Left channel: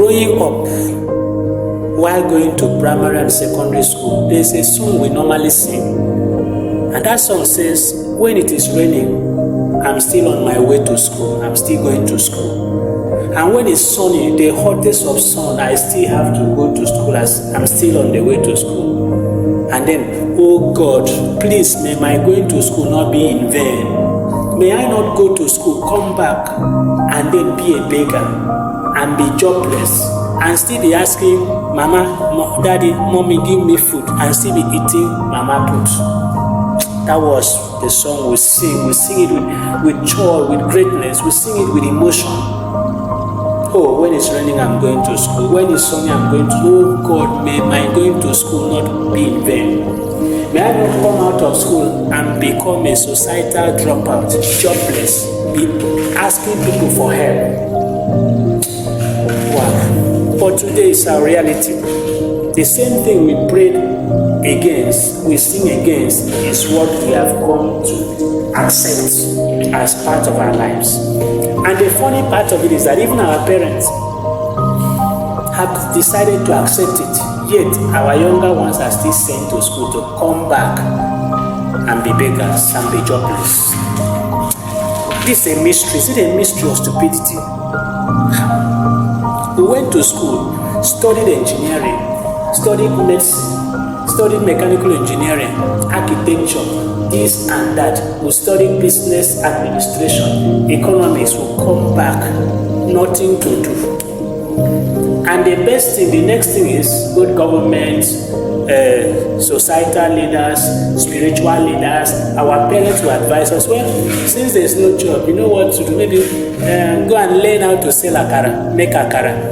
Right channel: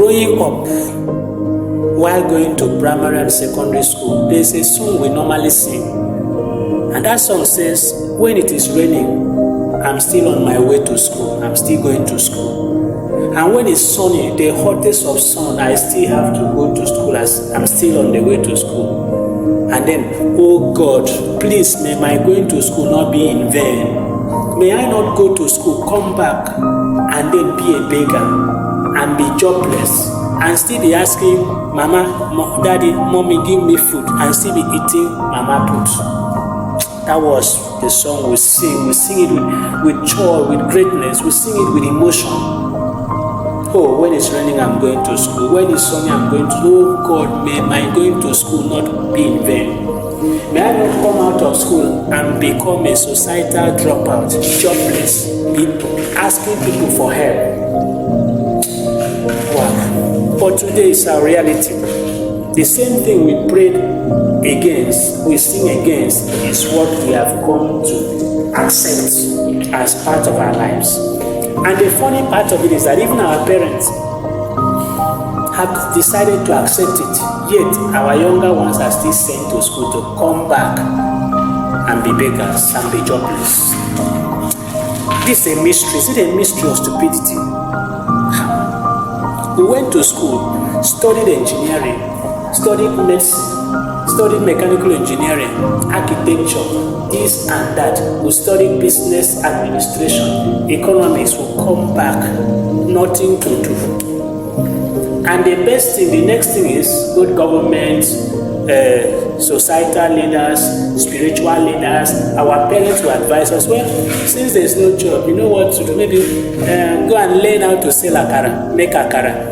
Growing up, while going to primary and secondary school, there's a song we normally sing. And that song says, when it is raining, I'm still on my way to school. I'm still going to school. And when it's sunny, the hottest of sun, I still have to go to school as I'm still on the way to school. And then, oh God, please, may my going to school not be in vain. May I not go to school, come back, and then be a beggar, and be jobless, and still be asking, Mama, Daddy, Mommy, give me food, and still be eating Mama put. That was the song we sing. We sing it with joy, with greatness. We sing it with emotion. Oh, when it's raining, I'm going to school. When it's sunny, I'm going to. Oh God, may my going to school not be in vain. May I not come out of school and become a societal dropout, jobless, asking people for help. Wow. But today is our reality. The same thing we prayed against, we sing against, is what we have come to accept as part of our lives. And the funny part of it is that even our parents have decided to accept it, yet our younger ones are still sent to school to come back and be beggars and be jobless. This is a mystery. Is it a mystery of stupidity? We went to school, studied engineering, studied medicine, studied mechanical engineering, architecture, this and that. We studied business administration, economics. Will come back, nothing to do. And the best thing, the next thing is good government, societal leaders, spiritual leaders. Our parents will advise us, well, since there's no job, you know what to do? Maybe go and learn how to sell akara, make akara.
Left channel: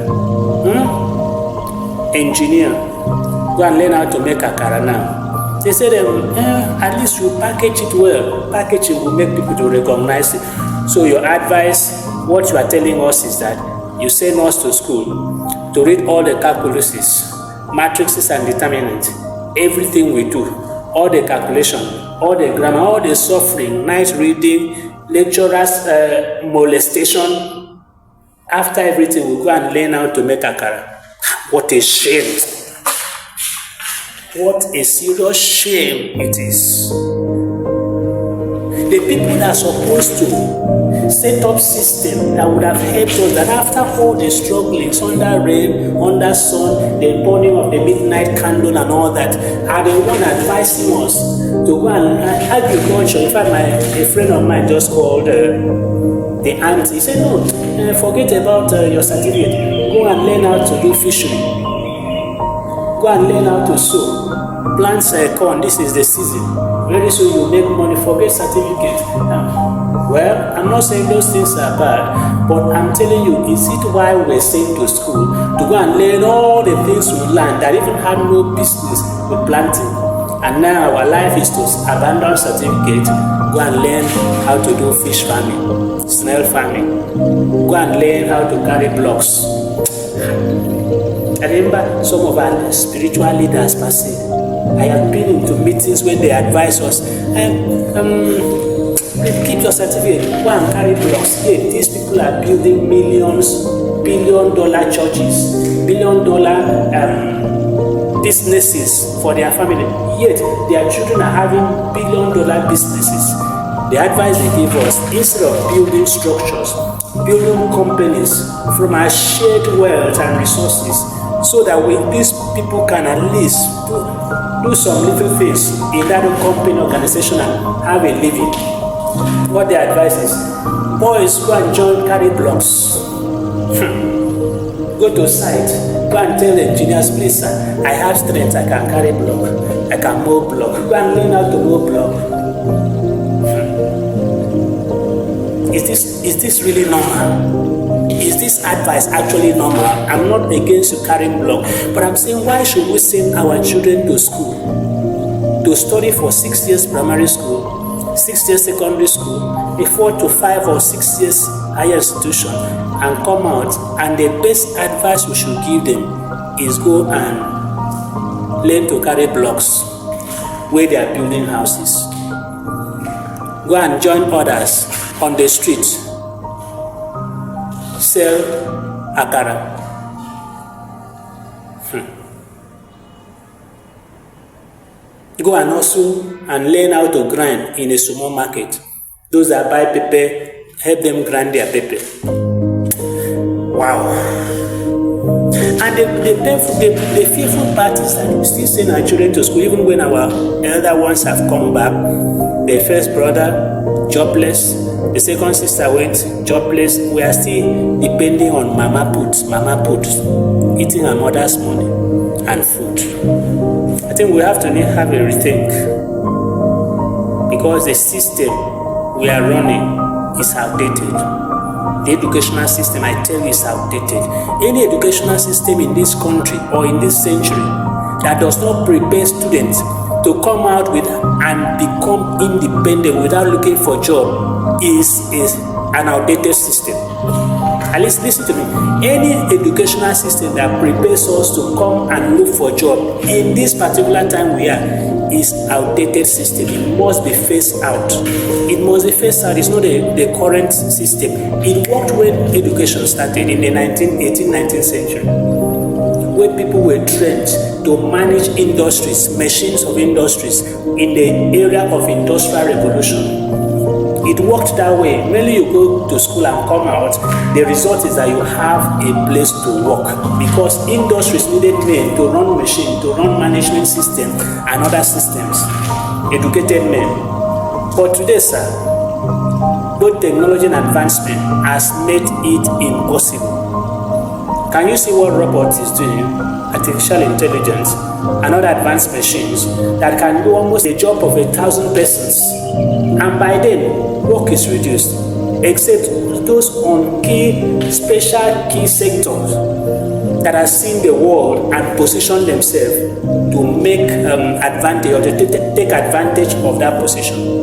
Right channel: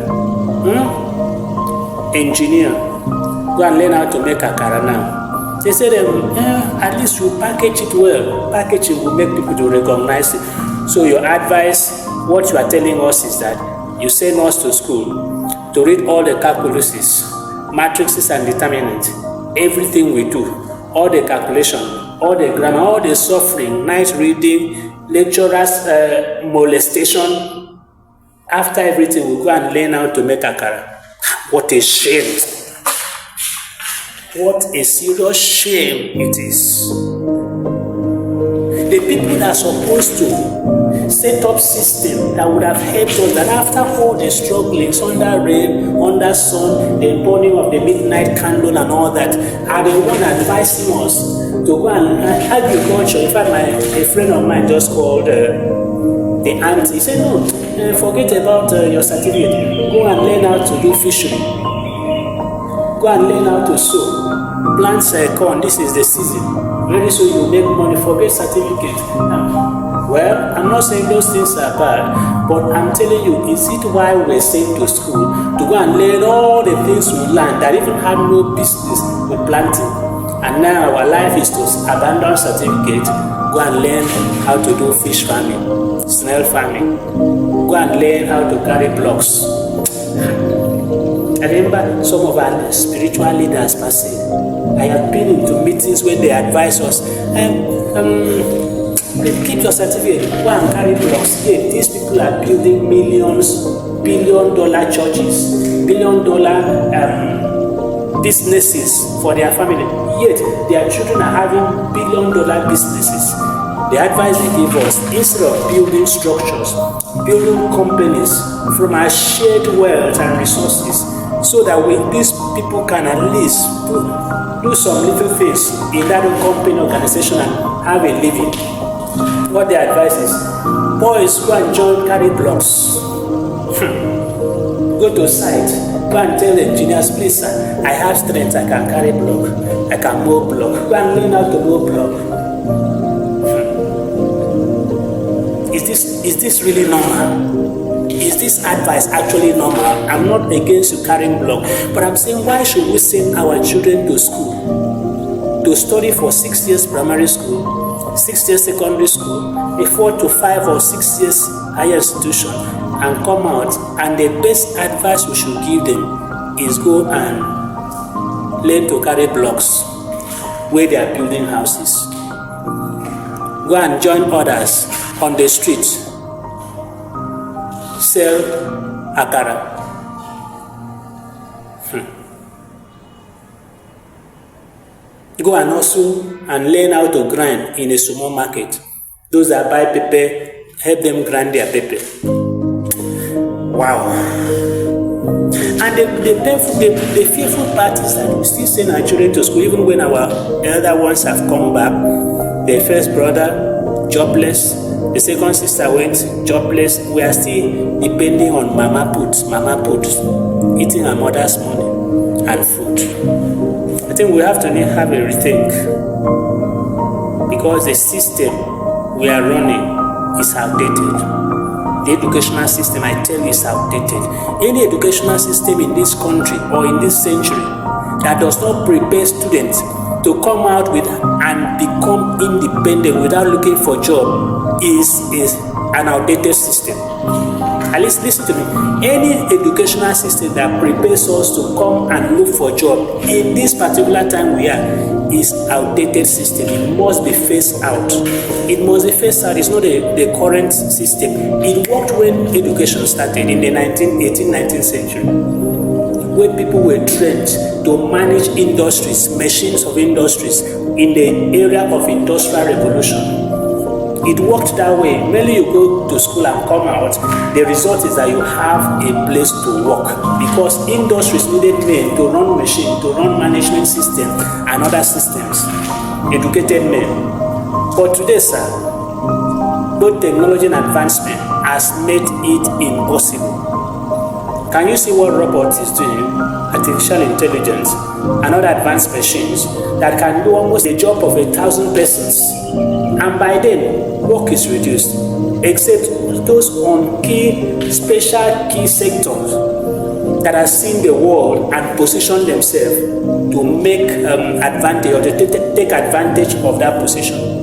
Engineer, go and learn how to make akara now. They say at least you package it well. Packaging will make people to recognize it. So your advice, what you are telling us is that you send us to school to read all the calculuses, matrices and determinants, everything we do, all the calculation, all the grammar, all the suffering, night reading, lecturers' molestation. After everything, we go and learn how to make akara. What a shame. What a serious shame it is. The people that are supposed to set up system that would have helped us, that after all the strugglings, under rain, under sun, the burning of the midnight candle and all that, are the one advising us to go and agriculture. In fact, a friend of mine just called the aunt. He said, no, forget about your certificate. Go and learn how to do fishery. Go and learn how to sow. Plant corn. This is the season. Very soon you make money. Forget certificate. Well, I'm not saying those things are bad, but I'm telling you, is it why we're sent to school to go and learn all the things we learned that even had no business with planting? And now our life is to abandon certificate, go and learn how to do fish farming, snail farming, go and learn how to carry blocks. I remember some of our spiritual leaders per se. I have been into meetings when they advise us, keep your certificate, go and carry blocks. Yeah, these people are building millions, billion-dollar churches, billion-dollar businesses for their family. Yet their children are having billion-dollar businesses. The advice they give us, instead of building structures, building companies from our shared wealth and resources, so that these people can at least do some little things in that company organization and have a living. What their advice is, boys, go and join carry blocks. Go to site, go and tell the engineers, please sir, I have strength, I can carry block, I can mow block. Go and learn how to mow block. Is this really normal? Is this advice actually normal? I'm not against you carrying block, but I'm saying, why should we send our children to school to study for 6 years primary school, 6 years secondary school, a 4 to 5 or 6 years higher institution, and come out, and the best advice we should give them is go and learn to carry blocks where they are building houses. Go and join others on the street, sell akara. go and hustle and learn how to grind in a small market. Those that buy pepper, help them grind their pepper. Wow. And the fearful part is that we still send our children to school, even when our elder ones have come back. The first brother, jobless. The second sister went jobless. We are still depending on mama put, eating our mother's money and food. I think we have to have a rethink, because the system we are running is outdated. The educational system, I tell you, is outdated. Any educational system in this country or in this century that does not prepare students to come out with and become independent without looking for job is an outdated system. At least listen to me. Any educational system that prepares us to come and look for job in this particular time we are is outdated system. It must be phased out. It must be phased out. It's not the current system. It worked when education started in the 19th century, where people were trained to manage industries, machines of industries in the area of industrial revolution. It worked that way. When you go to school and come out, the result is that you have a place to work, because industries needed men to run machines, to run management system and other systems, educated men. But today, sir, both technology and advancement has made it impossible. Can you see what robots is doing? Artificial intelligence and other advanced machines that can do almost the job of 1,000 persons. And by then, work is reduced, except those on special key sectors that have seen the world and position themselves to make advantage or to take advantage of that position.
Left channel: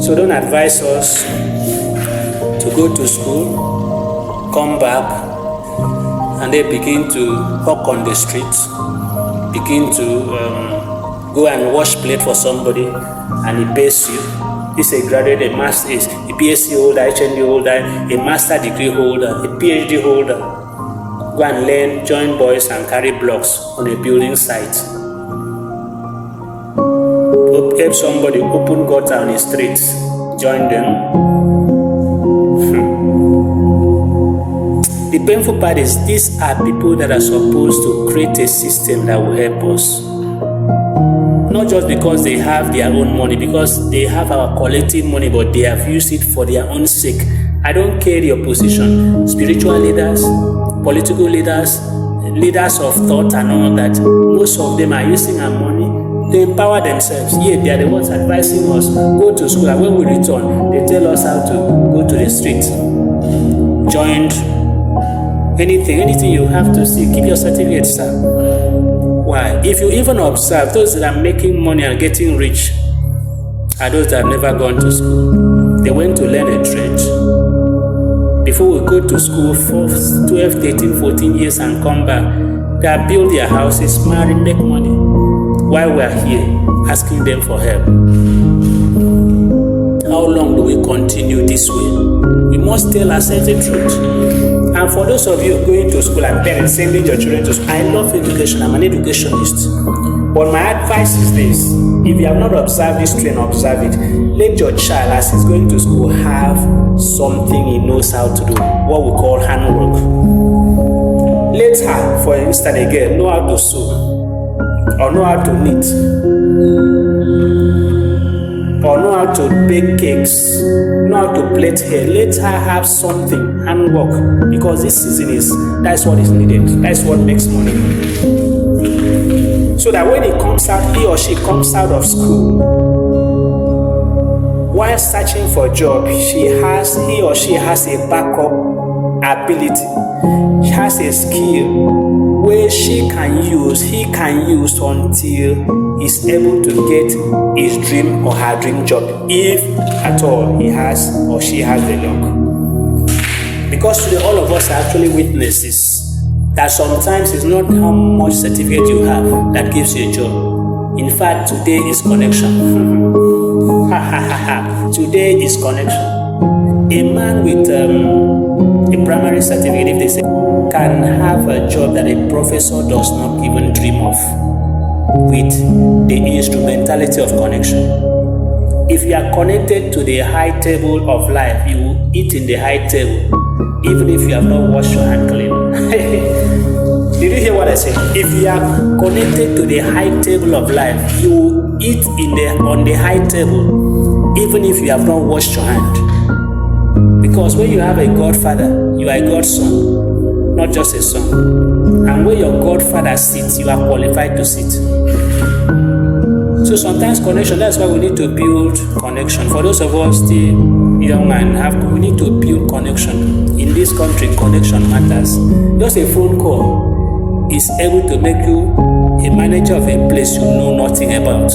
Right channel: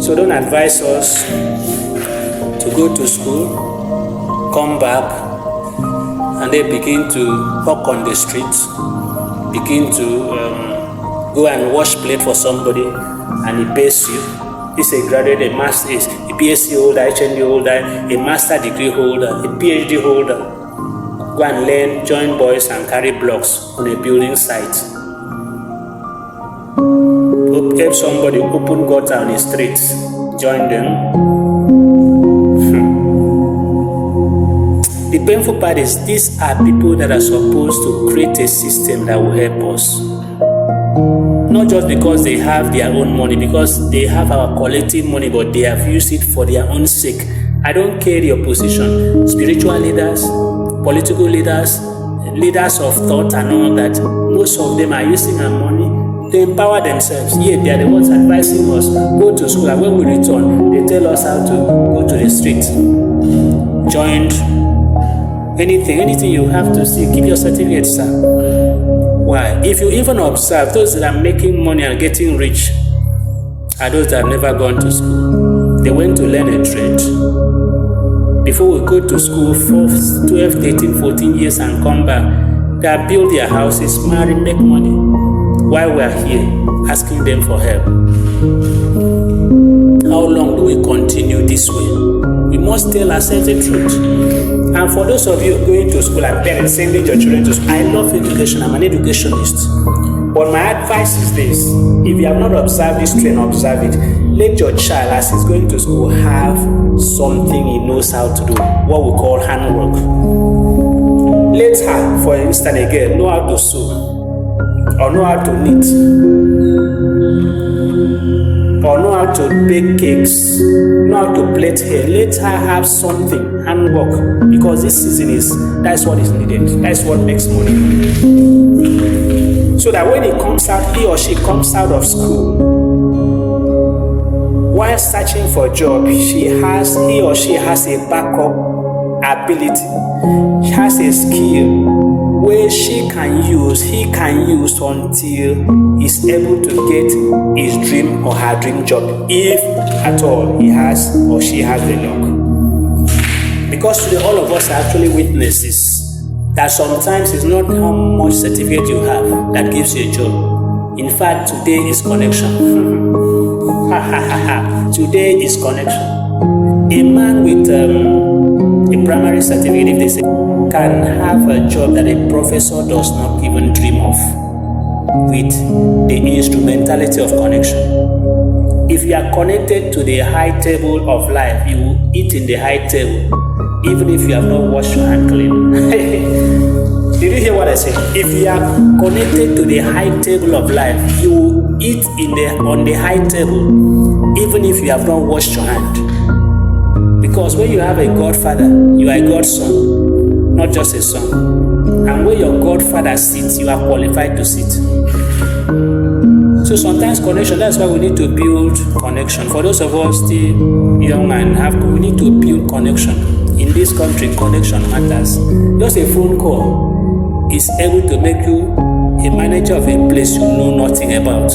So don't advise us to go to school, come back, and they begin to hawk on the streets, begin to go and wash plate for somebody, and he pays you. This is a graduate, a master, a PhD holder, HND holder, a master degree holder, a PhD holder. Go and learn, join boys and carry blocks on a building site. Help somebody open gutter on the streets, join them. The painful part is these are people that are supposed to create a system that will help us. Not just because they have their own money, because they have our collective money, but they have used it for their own sake. I don't care your position. Spiritual leaders, political leaders, leaders of thought and all that, most of them are using our money to empower themselves. Yeah, they are the ones advising us, go to school, and when we return, they tell us how to go to the street. Joined, anything you have to see, keep your certificate, sir. Why? If you even observe, those that are making money and getting rich are those that have never gone to school. They went to learn a trade. Before we go to school for 12, 13, 14 years and come back, they have built their houses, marry, make money. While we are here, asking them for help. How long do we continue this way? We must tell ourselves the truth. And for those of you going to school and parents sending your children to school, I love education. I'm an educationist. But my advice is this: if you have not observed this trend, observe it. Let your child, as he's going to school, have something he knows how to do, what we call handwork. Let her, for instance, again, know how to sew, or know how to knit, or know how to bake cakes, know how to plait hair. Let her have something, handwork, because this season that's what is needed. That's what makes money. So that when he or she comes out of school, while searching for a job, he or she has a backup ability. She has a skill where he can use until he's able to get his dream or her dream job, if at all he has or she has the luck. Because today all of us are actually witnesses that sometimes it's not how much certificate you have that gives you a job. In fact, today is connection. Today is connection. A man with a primary certificate, if they say, can have a job that a professor does not even dream of. with the instrumentality of connection. If you are connected to the high table of life, you will eat in the high table, even if you have not washed your hand clean. Did you hear what I said? If you are connected to the high table of life, you will eat on the high table, even if you have not washed your hand. Because when you have a godfather, you are a godson, not just a son. And where your godfather sits, you are qualified to sit. So sometimes connection, that's why we need to build connection. For those of us still young and we need to build connection. In this country, connection matters. Just a phone call is able to make you a manager of a place you know nothing about.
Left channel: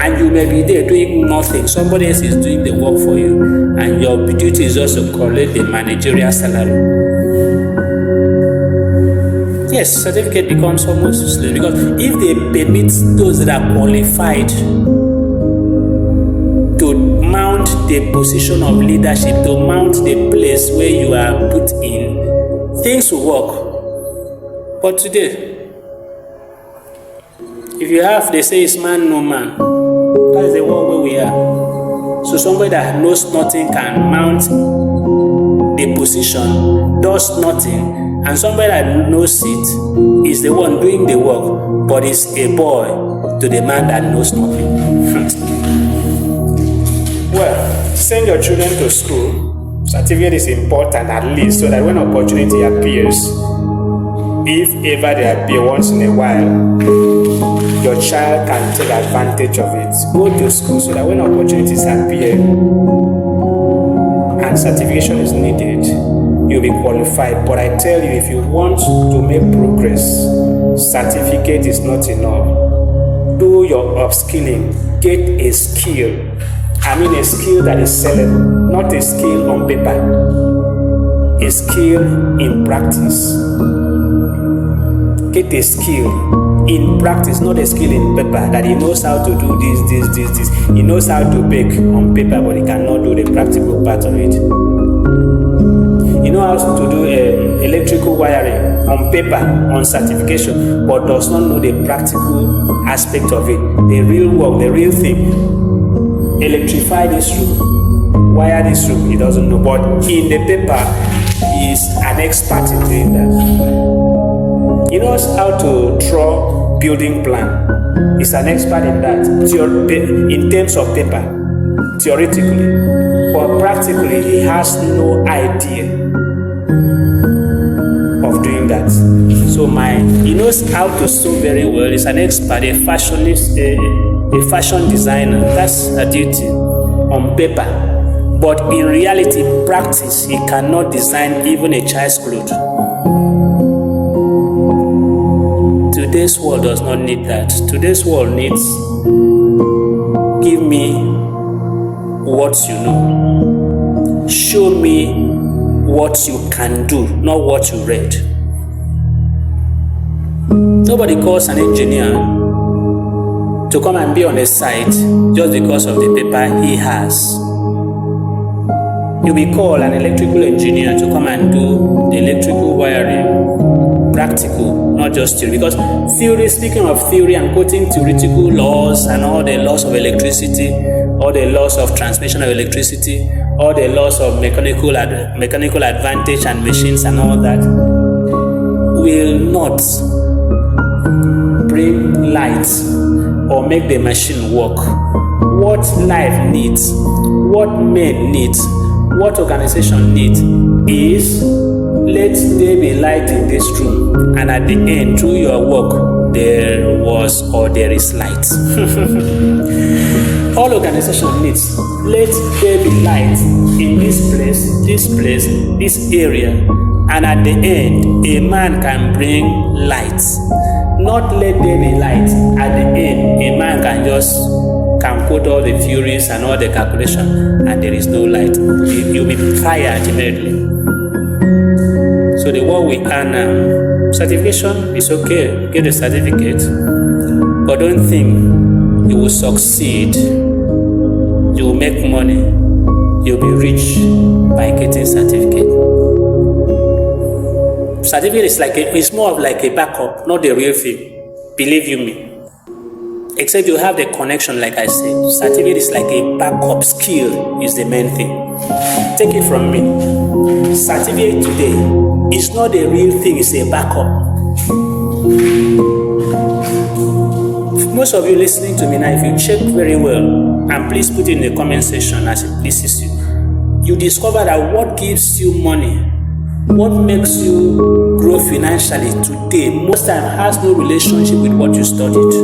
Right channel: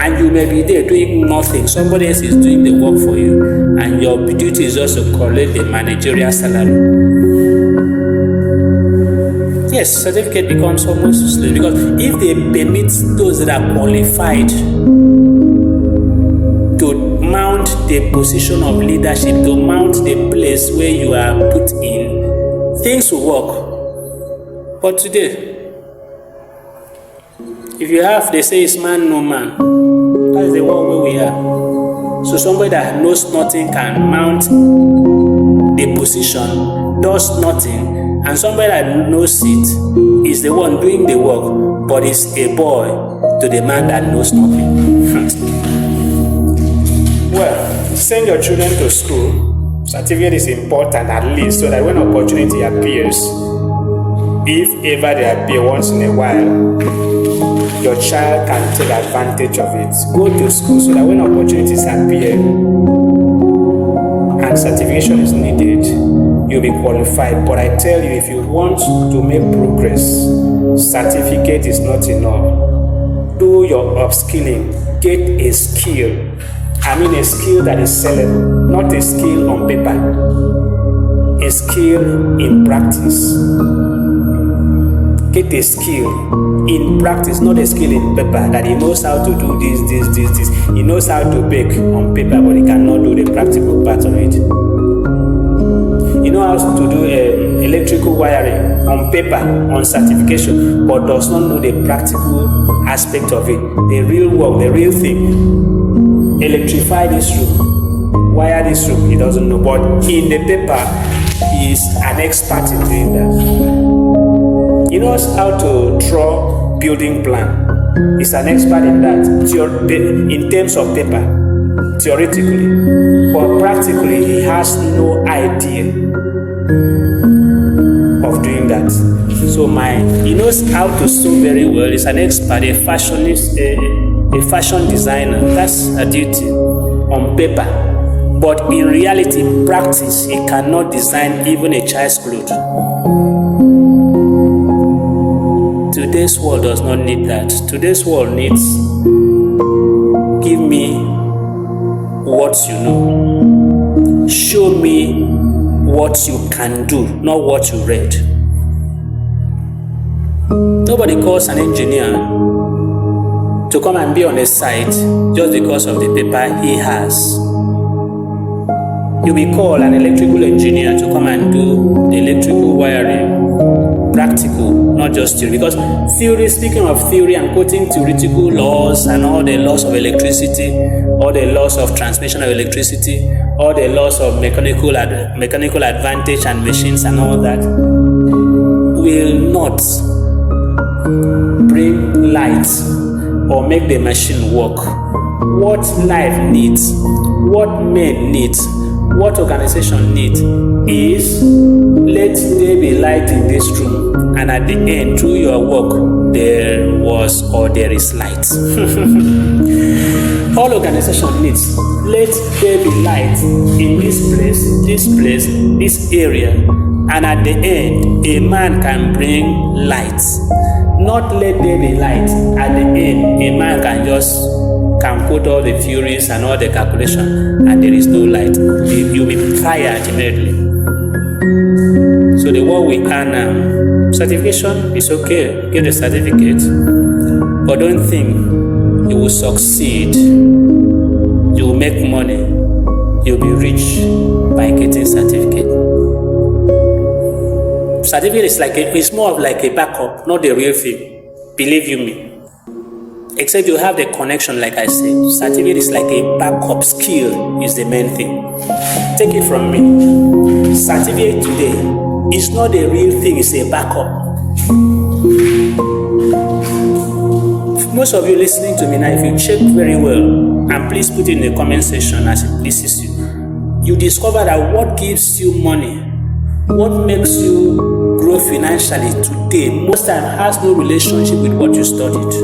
And you may be there doing nothing. Somebody else is doing the work for you. And your duty is just to collect the managerial salary. Yes, certificate becomes almost useless, because if they permit those that are qualified to mount the position of leadership, to mount the place where you are put in, things will work. But today, if you have, they say it's man, no man. That's the world where we are. So somebody that knows nothing can mount the position, does nothing, and somebody that knows it is the one doing the work, but is a boy to the man that knows nothing. Well, send your children to school. Certificate is important, at least, so that when opportunity appears, if ever they appear once in a while, your child can take advantage of it. Go to school so that when opportunities appear and certification is needed, you'll be qualified. But I tell you, if you want to make progress, certificate is not enough. Do your upskilling. Get a skill. I mean a skill that is sellable, not a skill on paper. A skill in practice. Get a skill in practice, not a skill in paper, that he knows how to do this. He knows how to bake on paper, but he cannot do the practical part of it. He knows how to do electrical wiring on paper, on certification, but does not know the practical aspect of it, the real work, the real thing. Electrify this room, wire this room, he doesn't know, but in the paper, he is an expert in doing that. He knows how to draw building plan. He's an expert in that, in terms of paper, theoretically. But practically, he has no idea of doing that. So he knows how to sew very well. He's an expert, a fashionist, a fashion designer. That's a duty on paper. But in reality, in practice, he cannot design even a child's clothes. Today's world does not need that. Today's world needs, give me what you know. Show me what you can do, not what you read. Nobody calls an engineer to come and be on a site just because of the paper he has. You will call an electrical engineer to come and do the electrical wiring, practical, not just theory. Because theory, speaking of theory, I'm quoting theoretical laws and all the laws of electricity, all the laws of transmission of electricity, all the laws of mechanical advantage and machines and all that will not bring light or make the machine work. What life needs, what men need, what organization needs is, let there be light in this room, and at the end, through your work, there was or there is light. All organization needs, let there be light in this place, this area, and at the end, a man can bring light. Not let there be light, at the end, a man can quote all the theories and all the calculation, and there is no light. You'll be tired immediately. So the work we are now, certification is okay, get the certificate, but don't think you will succeed, you will make money, you'll be rich by getting certificate. Certificate is it's more of like a backup, not the real thing. Believe you me. Except you have the connection, like I said. Certificate is like a backup. Skill is the main thing. Take it from me. Certificate today is not the real thing, it's a backup. Most of you listening to me now, if you check very well, and please put it in the comment section as it pleases you, you discover that what gives you money, what makes you grow financially today, most time has no relationship with what you studied.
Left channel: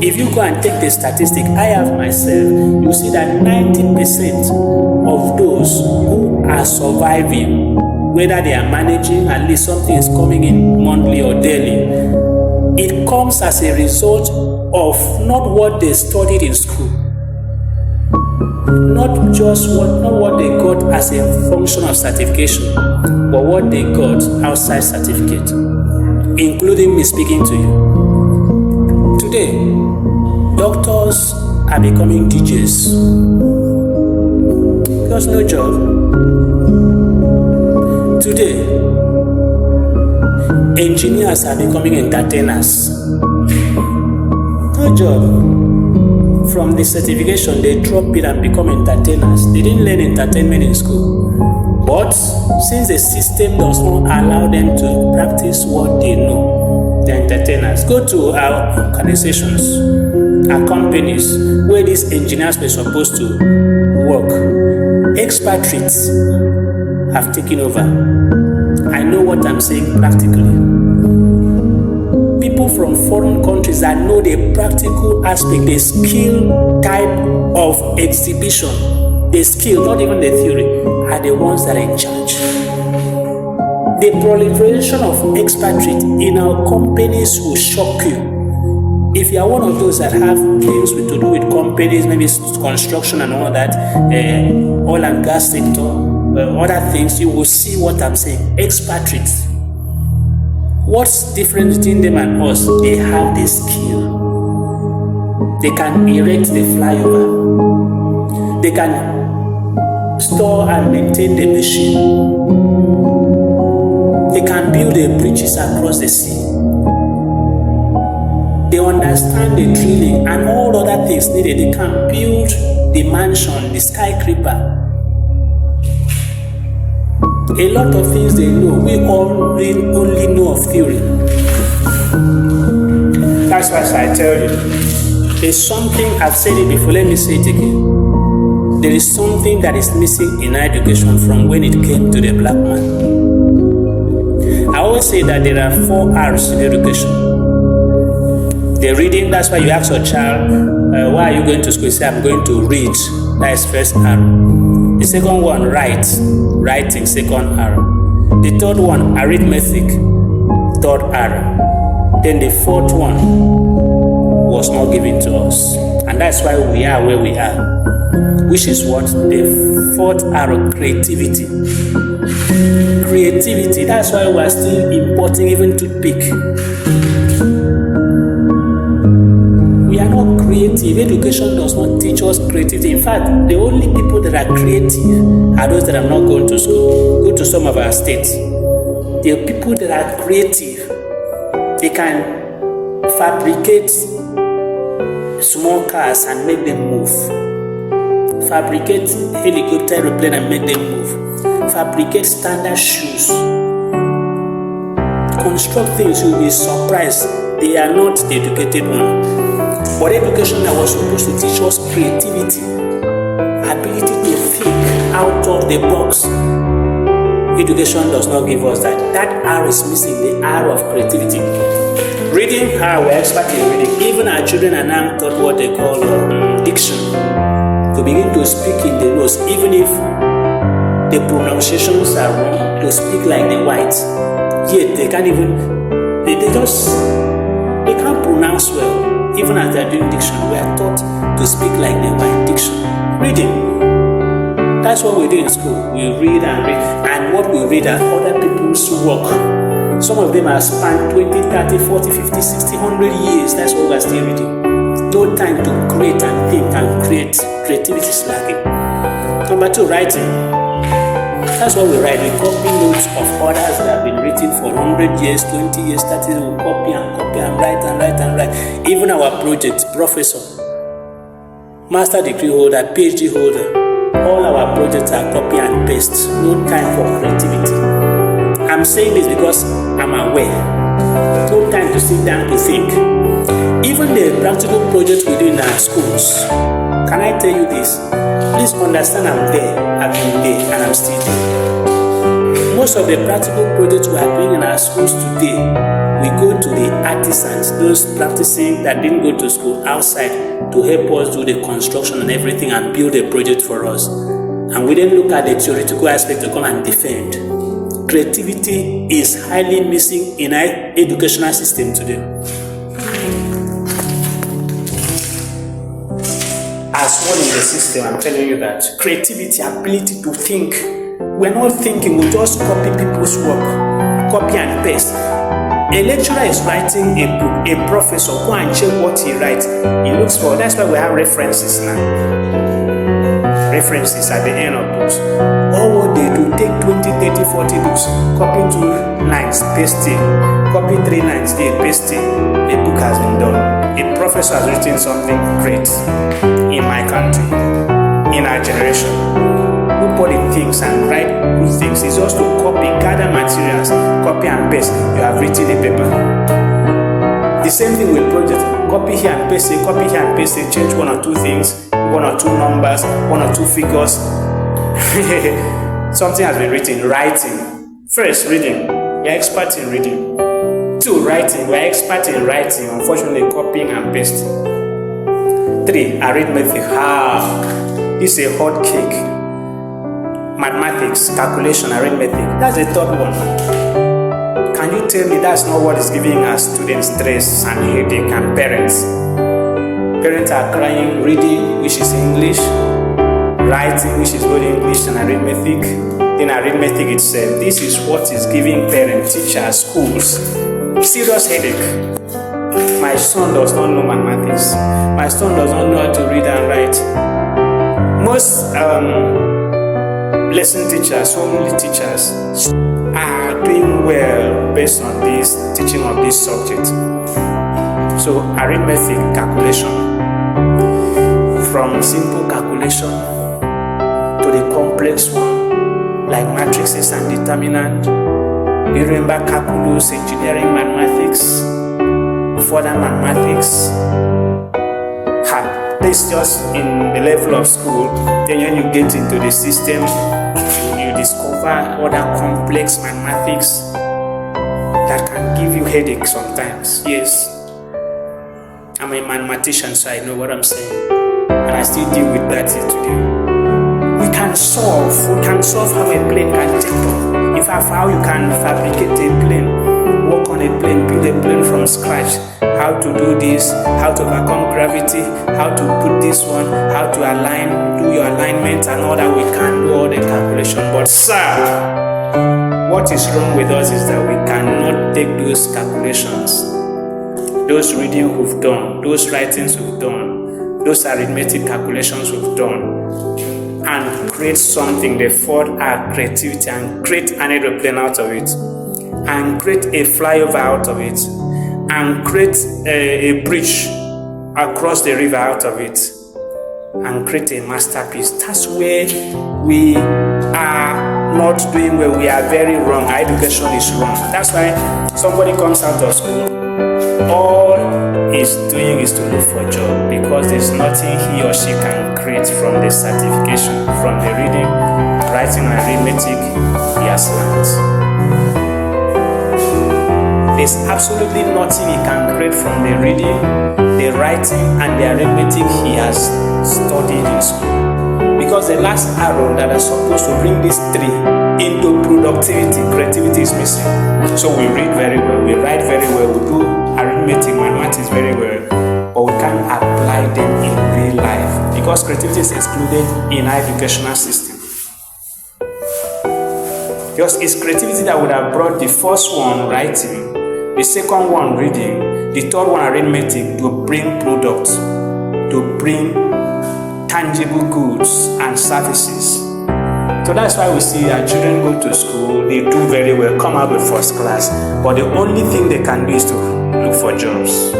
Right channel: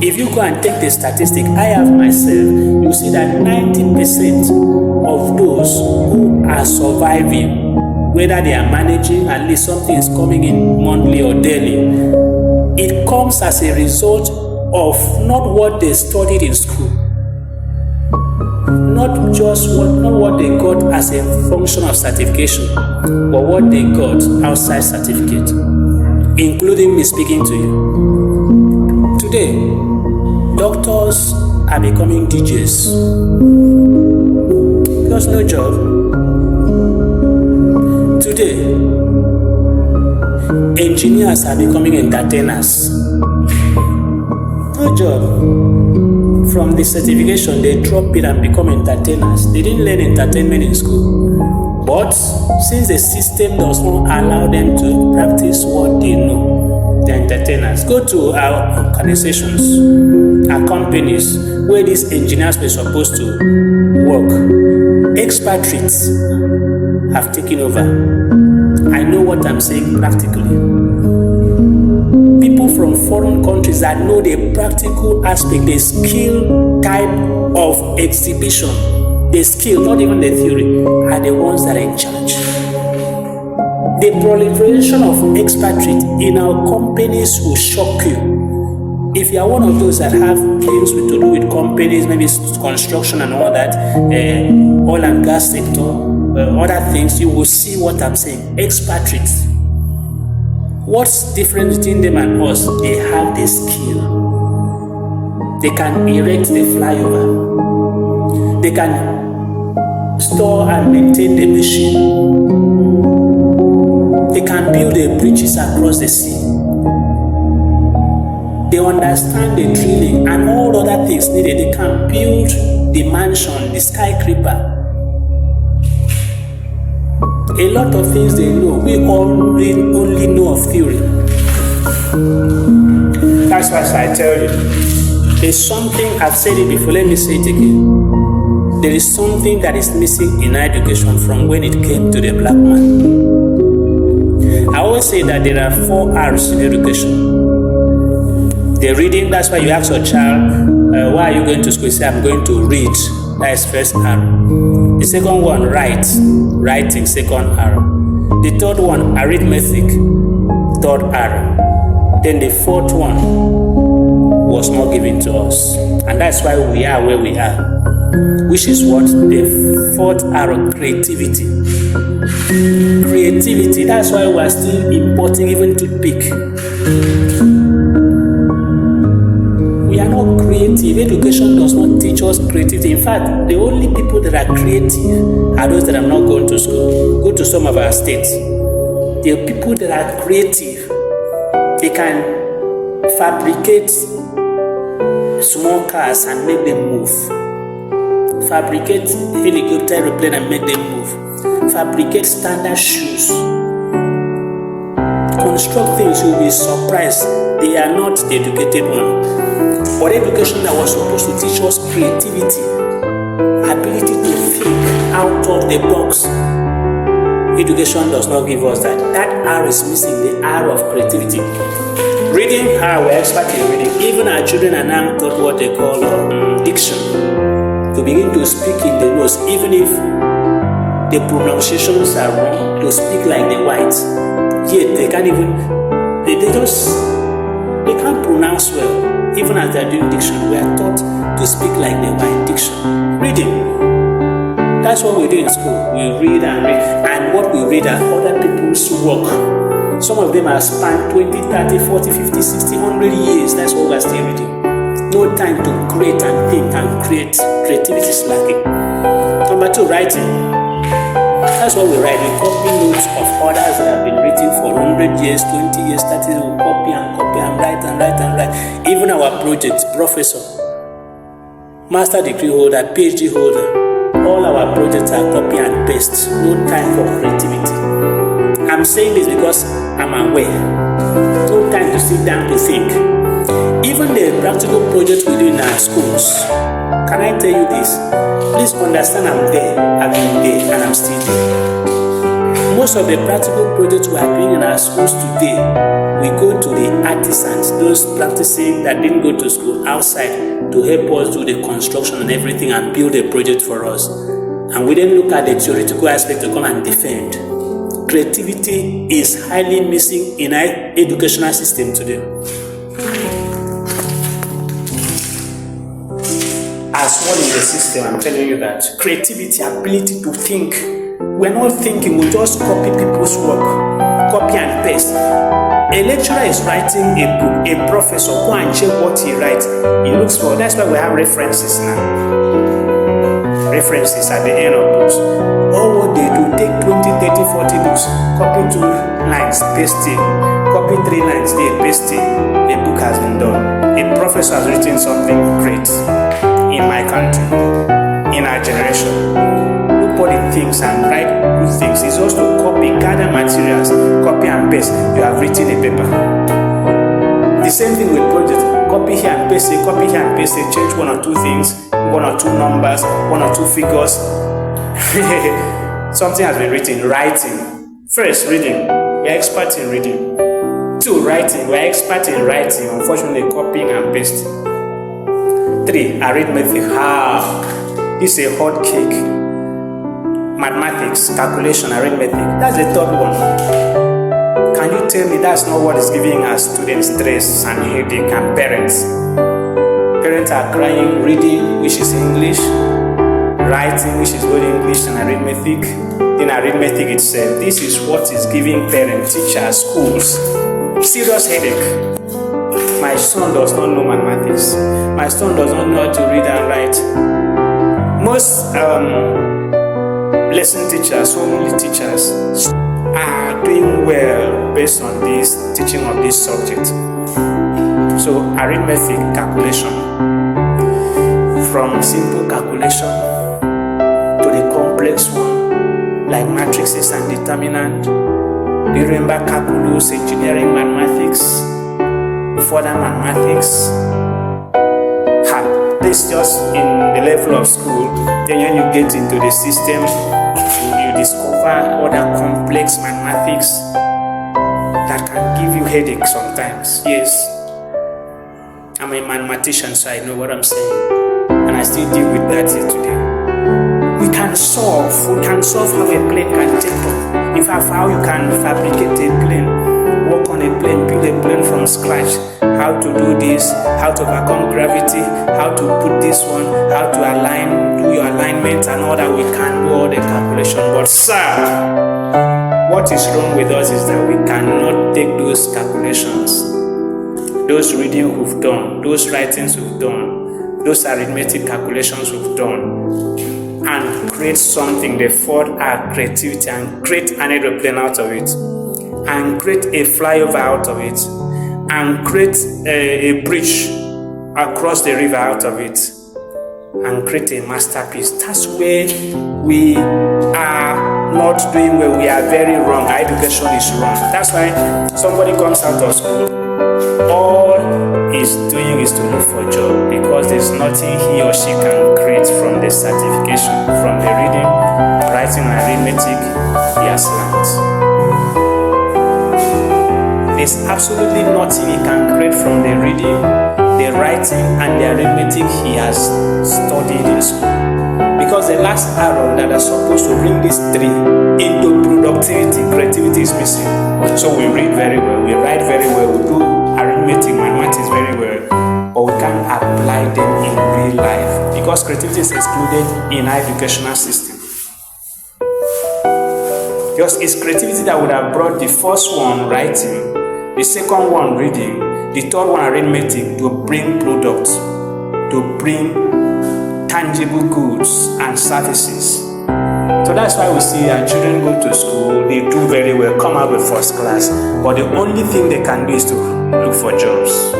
If you go and take the statistic, I have myself, you see that 90% of those who are surviving, whether they are managing, at least something is coming in monthly or daily, it comes as a result of not what they studied in school, not what they got as a function of certification, but what they got outside certificate, including me speaking to you. Today, doctors are becoming DJs because no job. Today, engineers are becoming entertainers. No job. From the certification, they drop it and become entertainers. They didn't learn entertainment in school. But since the system does not allow them to practice what they know, they're entertainers. Go to our organizations, our companies, where these engineers were supposed to work. Expatriates have taken over. I know what I'm saying practically. People from foreign countries that know the practical aspect, the skill type of exhibition, the skill, not even the theory, are the ones that are in charge. The proliferation of expatriates in our companies will shock you. If you are one of those that have things to do with companies, maybe construction and all that, oil and gas sector, other things, you will see what I'm saying. Expatriates. What's different between them and us? They have the skill. They can erect the flyover. They can store and maintain the machine. They can build the bridges across the sea. They understand the drilling and all other things needed. They can build the mansion, the skyscraper. A lot of things they know. We only know of theory. That's why I tell you, there's something, I've said it before, let me say it again. There is something that is missing in education from when it came to the black man. I always say that there are 4 R's in education. The reading, that's why you ask your child, why are you going to school? You say, I'm going to read. That is first R. The second one, writing, second R. The third one, arithmetic, third R. Then the fourth one was not given to us. And that's why we are where we are. Which is what? The fourth R, creativity. Creativity, that's why we are still importing even toothpick. We are not creative. Education does not teach us creativity. In fact, the only people that are creative are those that have not gone to school. Go to some of our states. The people that are creative, they can fabricate small cars and make them move. Fabricate helicopter, airplane and make them move. Fabricate standard shoes. Construct things, you'll be surprised. They are not the educated one. But education that was supposed to teach us creativity, ability to think out of the box, education does not give us that. That R is missing, the R of creativity. Reading, we're expert in reading. Even our children are now taught what they call diction. To begin to speak in the nose, even if the pronunciations are wrong, to speak like the whites. Yet they can't even, they can't pronounce well. Even as they are doing diction, we are taught to speak like the white. Diction. Reading. That's what we do in school. We read and read. And what we read are other people's work. Some of them have spanned 20, 30, 40, 50, 60, 100 years. That's what we are still reading. No time to create and think and create. Creativity is lacking. Number 2, writing. That's what we write. We copy notes of others that have been written for 100 years, 20 years, 30 years. We copy and write and write and write. Even our project, professor, master degree holder, PhD holder, all our projects are copy and paste. No time for creativity. I'm saying this because I'm aware. No time to sit down to think. Even the practical projects we do in our schools, can I tell you this? Please understand I'm there, I've been there, and I'm still there. Most of the practical projects we are doing in our schools today, we go to the artisans, those practicing that didn't go to school outside to help us do the construction and everything and build a project for us. And we didn't look at the theoretical aspect to come and defend. Creativity is highly missing in our educational system today. As one in the system, I'm telling you that creativity, ability to think. We're not thinking, we just copy people's work, copy and paste. A lecturer is writing a book, a professor, go and check what he writes. He looks for, that's why we have references now. References at the end of books. All what they do, take 20, 30, 40 books, copy 2 lines, paste it, copy 3 lines, there, paste it. A book has been done. A professor has written something great in my country, in our generation. Nobody thinks and write good things. It's just to copy, gather materials, copy and paste. You have written a paper. The same thing with projects. Copy here and paste it, copy here and paste it, change 1 or 2 things, 1 or 2 numbers, 1 or 2 figures. Something has been written. Writing. First, reading. We are experts in reading. 2, writing. We are experts in writing. Unfortunately, copying and pasting. 3, arithmetic. This is a hot cake. Mathematics, calculation, arithmetic. That's the 3rd one. Can you tell me that's not what is giving our students stress and headache and parents? Parents are crying, reading, which is English, writing, which is both English and arithmetic. Then arithmetic itself. This is what is giving parents, teachers, schools serious headache. My son does not know mathematics. My son does not know how to read and write. Most lesson teachers, only teachers, are doing well based on this teaching of this subject. So arithmetic, calculation, from simple calculation to the complex one, like matrices and determinant. Do you remember calculus, engineering, mathematics, further mathematics? This just in the level of school. Then when you get into the system, you discover other complex mathematics that can give you headache sometimes. Yes, I'm a mathematician, so I know what I'm saying, and I still deal with that today. We can solve how a plane can take off. In fact, how you can fabricate a plane, work on a plane, build a plane from scratch. How to do this, how to overcome gravity, how to put this one, how to align, do your alignment and all that. We can do all the calculation. But sir, what is wrong with us is that we cannot take those calculations, those reading we've done, those writings we've done, those arithmetic calculations we've done, and create something, they forward our creativity and create an aeroplane out of it, and create a flyover out of it, and create a bridge across the river out of it, and create a masterpiece. That's where we are not doing well. We are very wrong. Our education is wrong. That's why somebody comes out of school, all he's doing is to look for a job, because there's nothing he or she can create from the certification, from the reading, writing, and arithmetic he has learned. There's absolutely nothing he can create from the reading, the writing, and the arithmetic he has studied in school. Because the last arrow that are supposed to bring these 3 into productivity, creativity, is missing. So we read very well, we write very well, we do arithmetic, mathematics very well, but we can't apply them in real life because creativity is excluded in our educational system. Because it's creativity that would have brought the first one, writing, the second one, reading, the third one, arithmetic, to bring products, to bring tangible goods and services So that's why we see our children go to school, they do very well, come out with first class, but the only thing they can do is to look for jobs.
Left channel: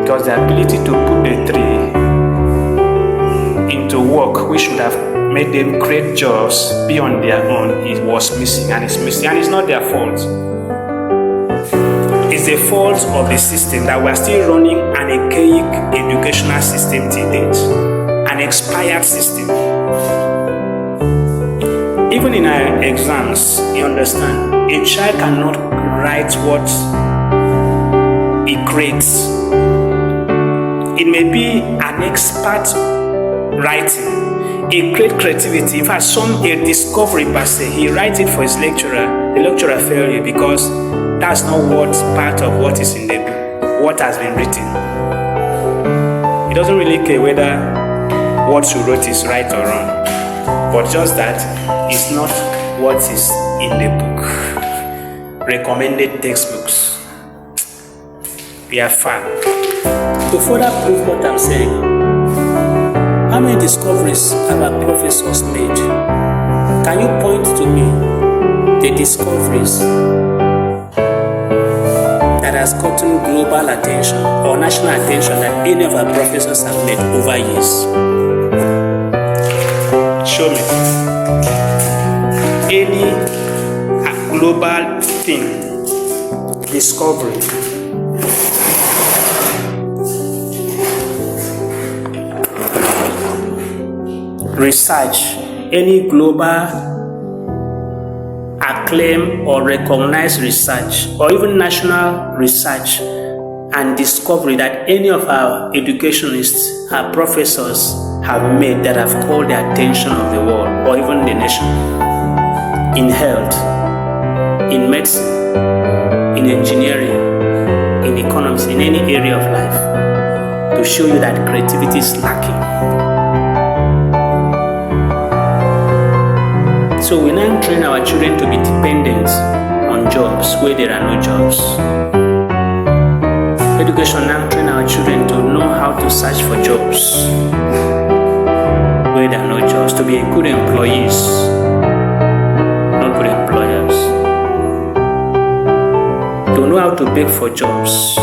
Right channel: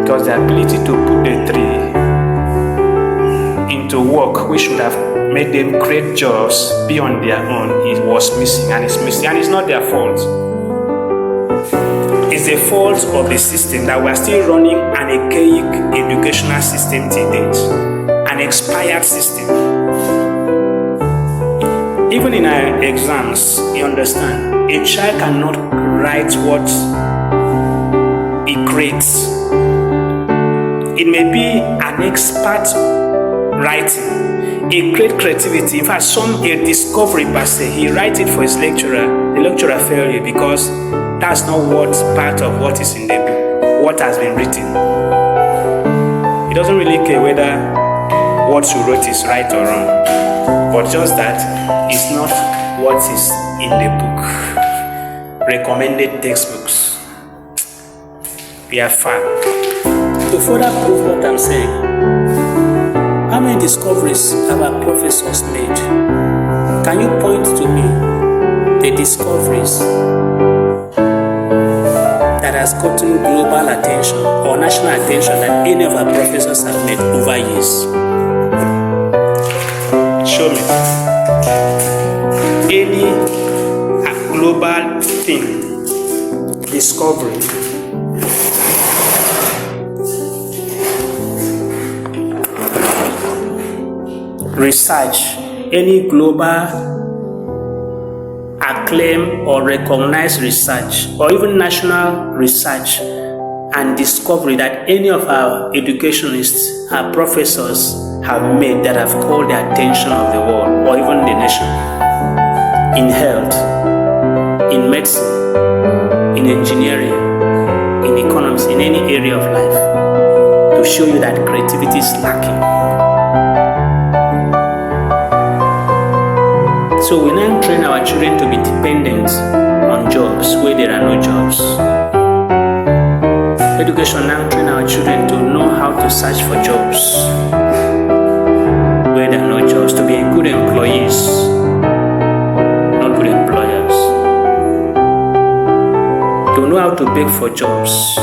Because the ability to put the three into work, which should have made them create jobs beyond their own, it was missing, and it's missing, and it's not their fault. It's the fault of the system that we're still running an archaic educational system to date, an expired system. Even in our exams, you understand, a child cannot write what he creates. It may be an expert writing, a great creativity, in fact, a discovery per se. He writes it for his lecturer, the lecturer fails you because that's not what part of what is in the book, what has been written. He doesn't really care whether what you wrote is right or wrong, but just that it's not what is in the book. Recommended textbooks. We are far. To further prove what I'm saying, how many discoveries have our professors made? Can you point to me the discoveries that has gotten global attention or national attention that any of our professors have made over years? Show me any global thing, discovery. Research, any global acclaim or recognized research or even national research and discovery that any of our educationists, our professors have made that have called the attention of the world or even the nation, in health, in medicine, in engineering, in economics, in any area of life, to show you that creativity is lacking. So we now train our children to be dependent on jobs where there are no jobs. Education now train our children to know how to search for jobs where there are no jobs, to be good employees, not good employers, to know how to beg for jobs,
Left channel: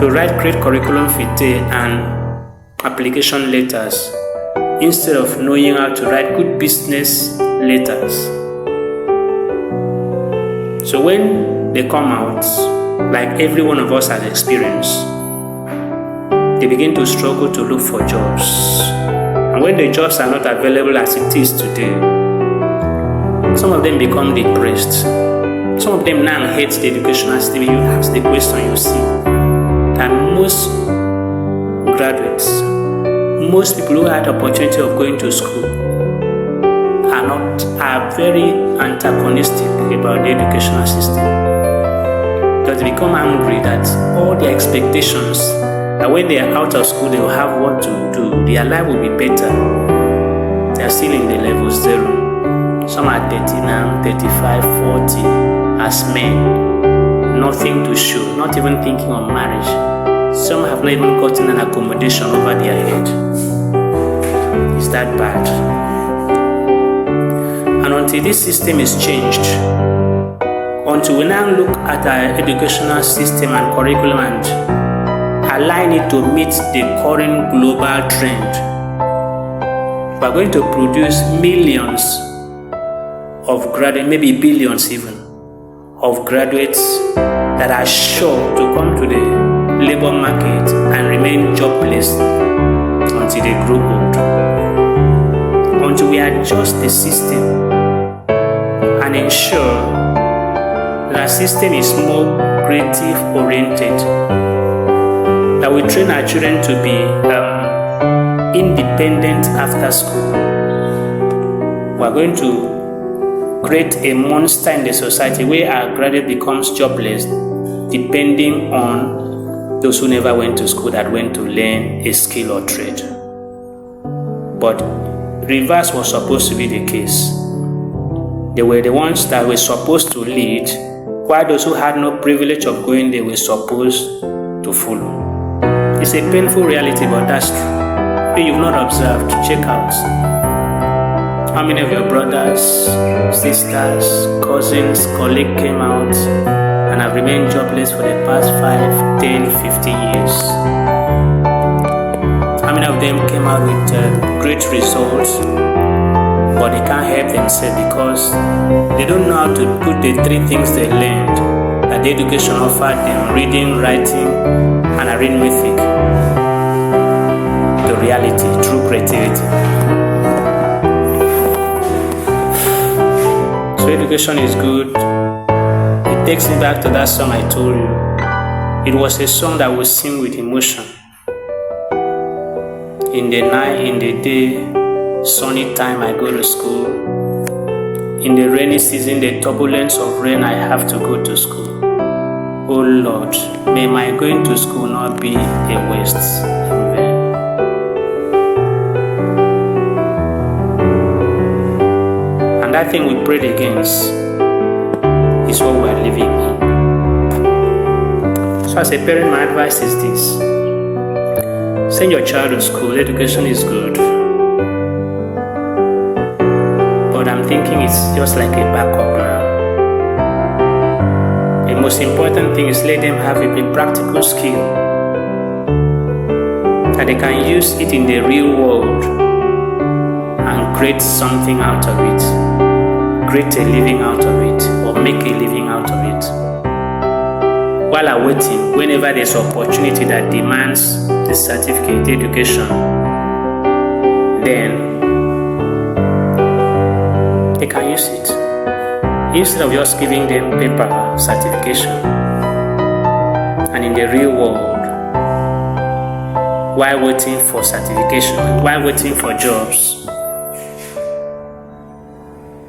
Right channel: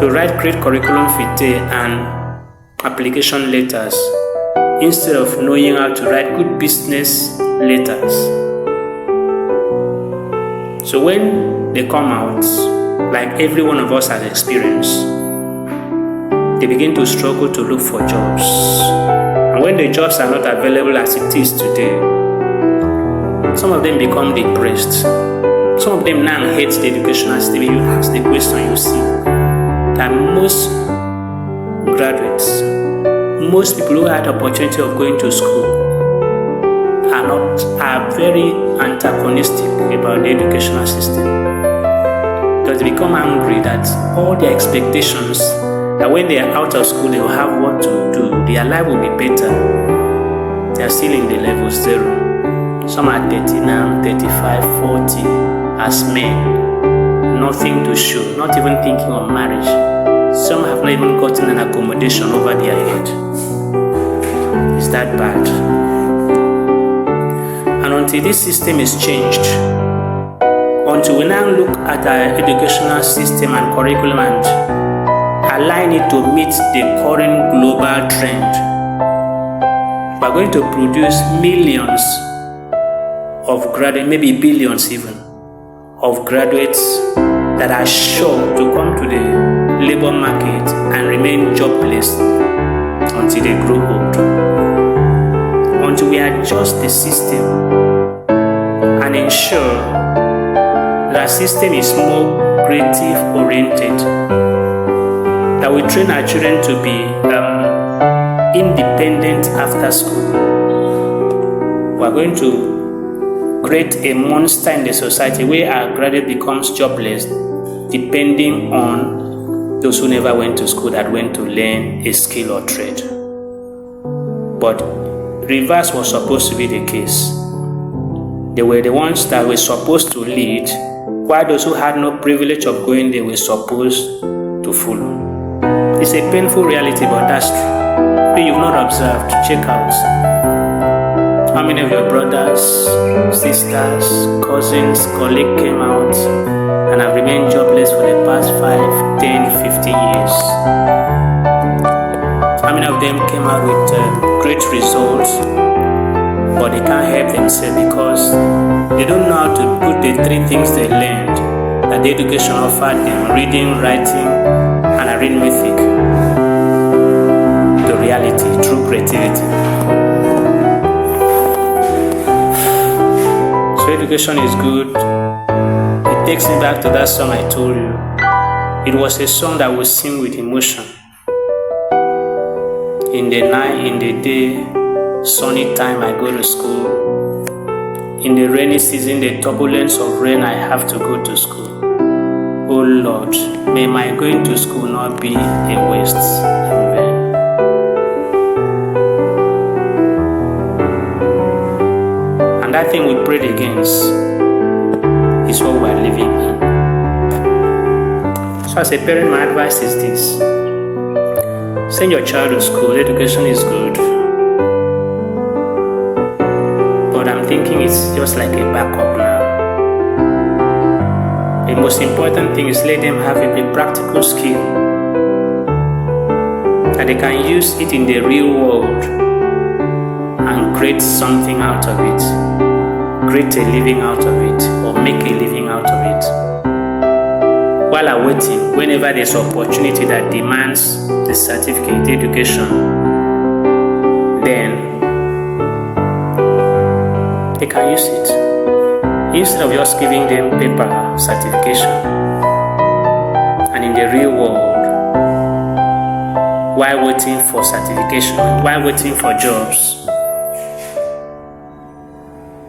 to write great curriculum vitae and application letters, instead of knowing how to write good business letters. So when they come out, like every one of us has experienced, they begin to struggle to look for jobs. And when the jobs are not available as it is today, some of them become depressed. Some of them now hate the educational system. You ask the question, you see that most graduates, most people who had the opportunity of going to school are very antagonistic about the educational system. Because they become angry that all their expectations that when they are out of school they will have what to do, their life will be better. They are still in the level 0. Some are 39, 35, 40 as men, nothing to show, not even thinking of marriage. Some have not even gotten an accommodation over their head. Is that bad? And until this system is changed, until we now look at our educational system and curriculum and align it to meet the current global trend, we're going to produce millions of graduates, maybe billions even, of graduates that are sure to come to the labor market and remain jobless until they grow old. Until we adjust the system and ensure that our system is more creative oriented, that we train our children to be independent after school, we're going to create a monster in the society where our graduate becomes jobless, depending on those who never went to school that went to learn a skill or trade. But reverse was supposed to be the case. They were the ones that were supposed to lead, while those who had no privilege of going there were supposed to follow. It's a painful reality, but that's true. If you've not observed, check out. How many of your brothers, sisters, cousins, colleagues came out and have remained jobless for the past 5, 10, 15 years? How many of them came out with great results, but they can't help themselves because they don't know how to put the 3 things they learned that the education offered them, reading, writing, and arithmetic, to reality through creativity. So education is good. It takes me back to that song I told you. It was a song that we sing with emotion. In the night, in the day, sunny time I go to school. In the rainy season, the turbulence of rain, I have to go to school. Oh Lord, may my going to school not be a waste in vain. And that thing we prayed against is what we are living in. So as a parent, my advice is this. Send your child to school. Education is good. But I'm thinking it's just like a backup now. The most important thing is let them have a practical skill that they can use it in the real world and create something out of it. Create a living out of it, or make a living out of it. While awaiting, whenever there's opportunity that demands the certificate education, then they can use it. Instead of just giving them paper certification, and in the real world, while waiting for certification, while waiting for jobs,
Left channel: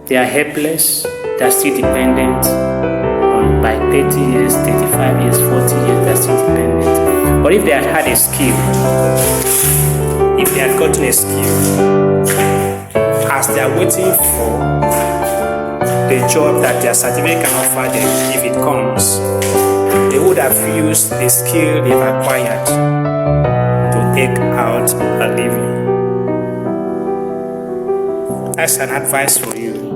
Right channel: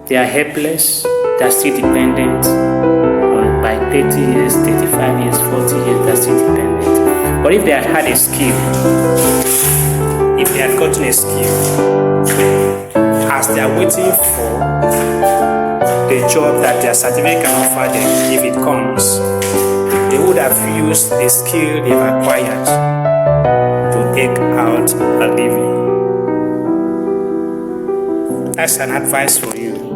they are helpless, they are still dependent on by 30 years, 35 years, 40 years, they are still dependent. But if they had had a skill, if they had gotten a skill, as they are waiting for the job that their certificate can offer them, if it comes, they would have used the skill they've acquired to take out a living. That's an advice for you.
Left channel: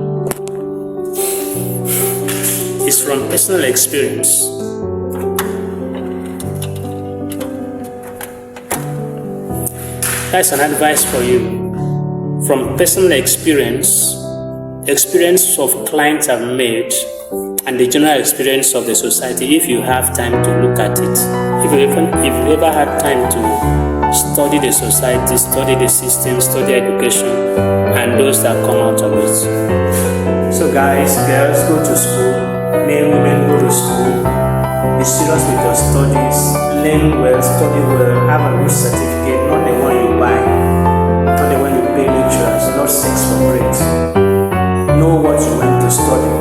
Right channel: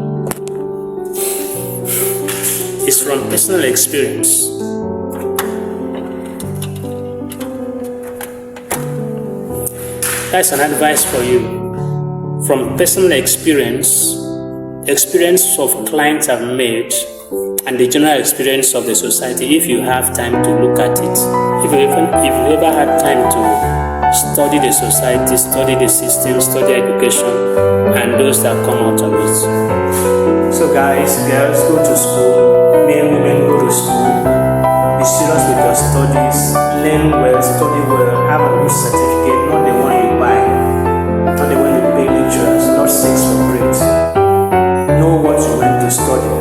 It's from personal experience. That's an advice for you. From personal experience of clients I've made, and the general experience of the society, if you have time to look at it. If you've ever had time to study the society, study the system, study education, and those that come out of it. So guys, girls, go to school. Men, women, go to school. Be serious with your studies. Learn well, study well, have a good certificate, not the one you buy, not the one you pay lecturers, not sex for grades. Know what you went to study.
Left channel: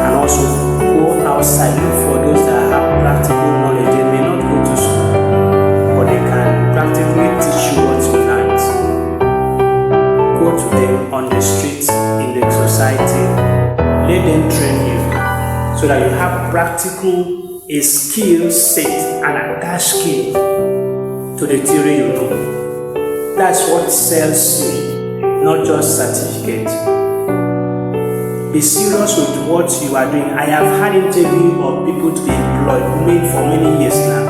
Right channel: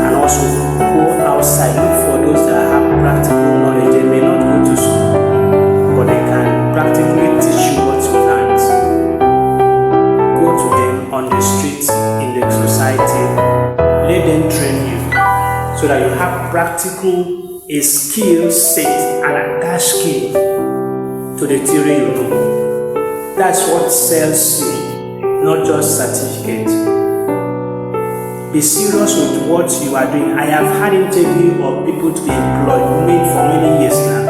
And also go outside, look for those that have practical knowledge. They may not go to school, but they can practically teach you what you learned. Go to them on the streets, in the society. Let them train you so that you have practical a skill set and attach skill to the theory you know. That's what sells you, not just certificate. Be serious with what you are doing. I have had interview of people to be employed for many years now.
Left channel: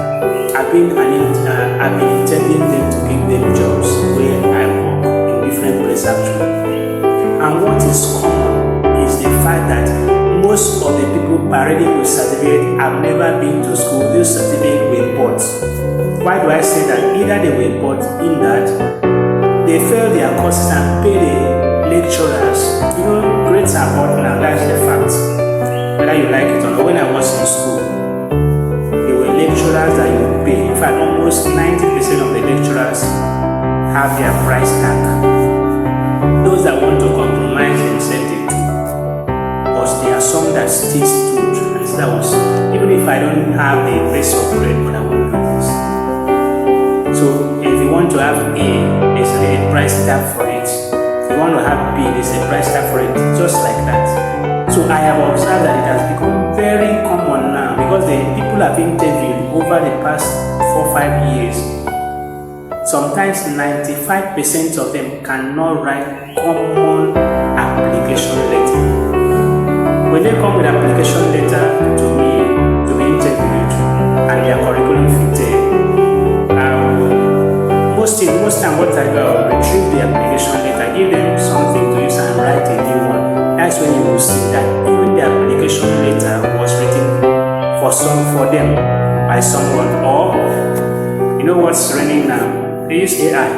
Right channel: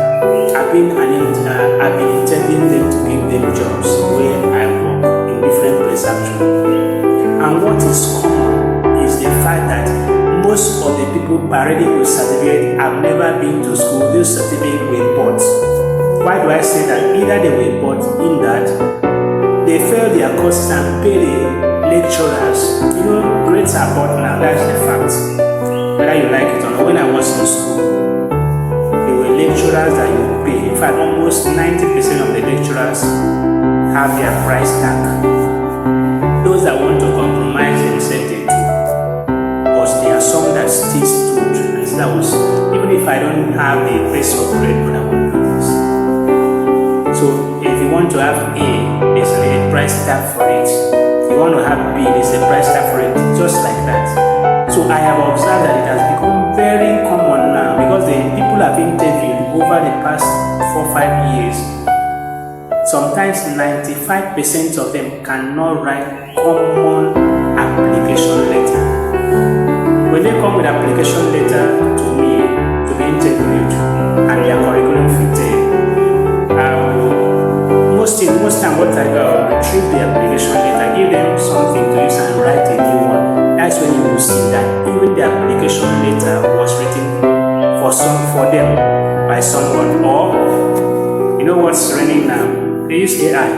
I've been interviewing them to give them jobs where I work in different places actually. And what is common is the fact that most of the people parading with certificate have never been to school. Those certificates were bought. Why do I say that? Either they were bought in that they failed their courses and paid the lecturers. You know, grades are bought now, that's the fact. Whether you like it or not. When I was in school, there were lecturers that you pay. In fact, almost 90% of the lecturers have their price tag. Those that want to compromise themselves, they do. But there are some that still stood. And that was, even if I don't have the base of grade, but I won't do this. So if you want to have A, there's a price tag for it. If you want to have B, there's a price tag for it. Just like that. So I have observed that it has become very common now because the people have interviewed over the past 4-5 years. sometimes 95% of them cannot write common application letter. When they come with application letter to me to be interviewed and their curriculum fitted, most time what I do, I will retrieve the application letter, give them something to use and write a new one. That's when you will see that even the application letter was written for them by someone. Or you know what's trending now? They use AI.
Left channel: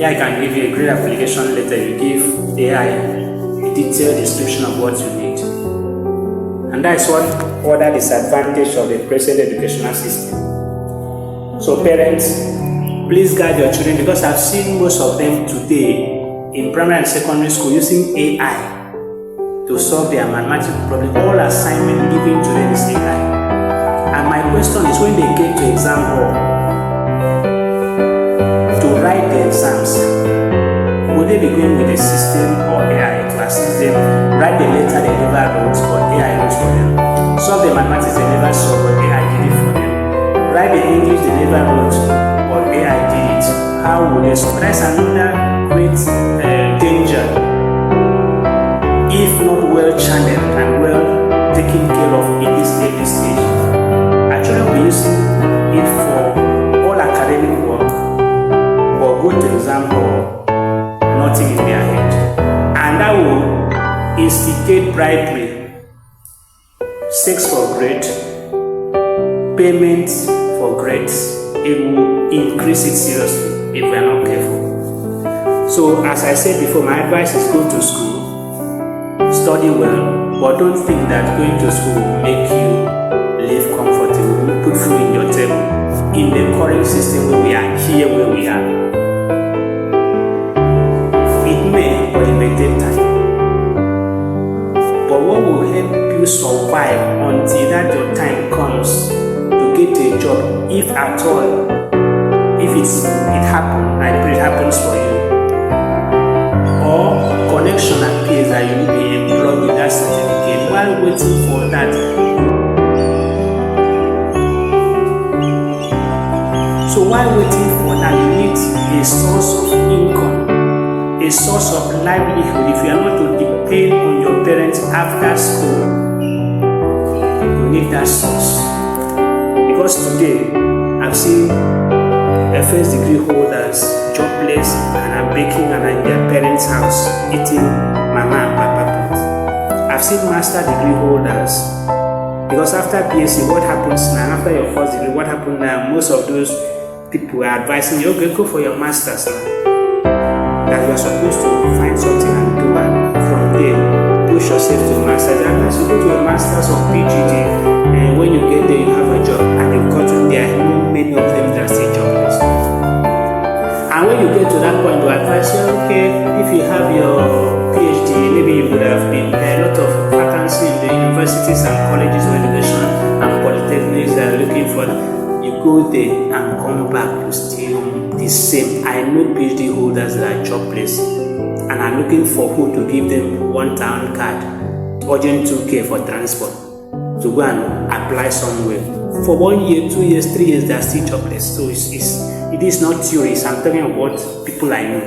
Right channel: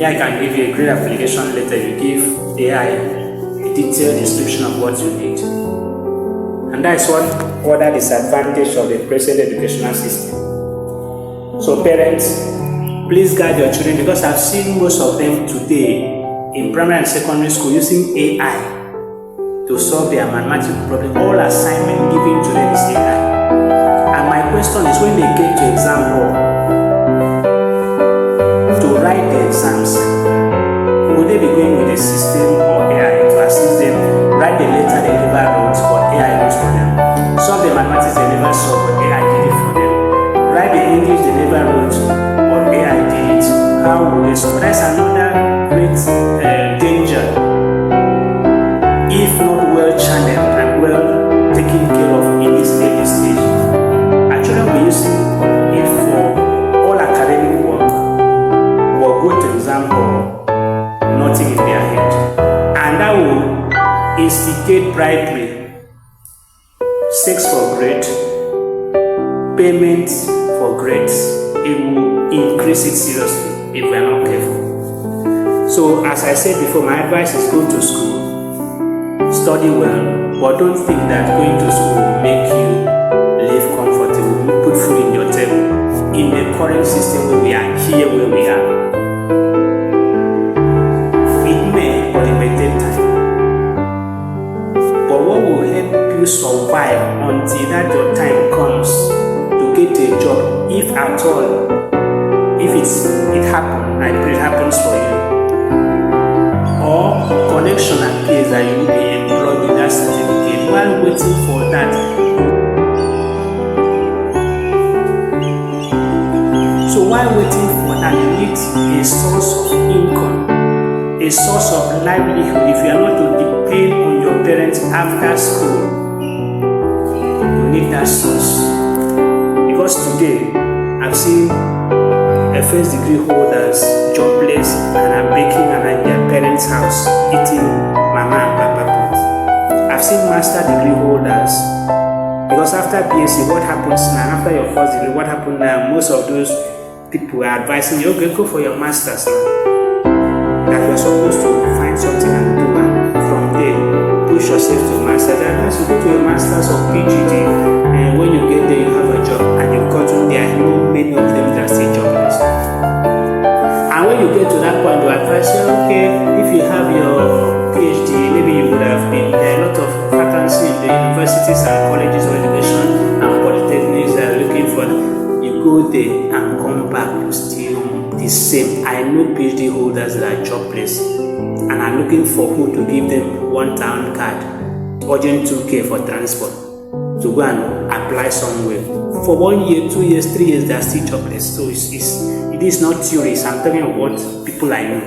AI can give you a great application letter. You give AI a detailed description of what you need. And that is one other disadvantage of the present educational system. So parents, please guide your children, because I've seen most of them today in primary and secondary school using AI to solve their mathematical problem. All assignment given to them is AI. And my question is, when they get to exam hall to write the exams, would they be going with a system or AI to assist them write the letter they never wrote or AI wrote for them? Solve the mathematics they never solved but AI did it for them. Write the English they never wrote but AI did it. How would they solve? That's another great danger if not well channeled and well taken care of in this early stage. Our children will be using it for all academic work, but go to exam hall, nothing in their head. And that will instigate bribery, sex for grade, payment for grades. It will increase it seriously if we are not careful. So as I said before, my advice is go to school, study well, but don't think that going to school will make you live comfortable, put food in your table. In the current system where we are, here where we are, it may, but it may take time. But what will help you survive until that your time comes to get a job, if at all, if it happens, I pray it happens for you, or connection appears that you will be employed with that certificate. While waiting for that, so while waiting for that, you need a source of income, a source of livelihood. If you are not to depend on your parents after school, you need that source. Because today, I've seen a first degree holders jobless and are baking and at their parents' house eating mama and papa food. I've seen master degree holders, because after BSc, what happens now? After your first degree, what happens now? Most of those people are advising you, okay, go for your masters now. That you are supposed to find something and do, and from there push yourself to masters. And as you go to your masters or PGD, and when you get there, you have a job, and you've gotten there. Many of them that are still jobless. And when you get to that point, you advise you, okay, if you have your PhD, maybe you would have been there. A lot of vacancies in the universities and colleges of education and polytechnics that are looking for. You go there and come back to still the same. I know PhD holders that are jobless and are looking for who to give them 1,000 card, urgent 2K for transport, to go and apply somewhere. For 1 year, 2 years, 3 years, they are still jobless. So it is not theories. I'm talking about people I know.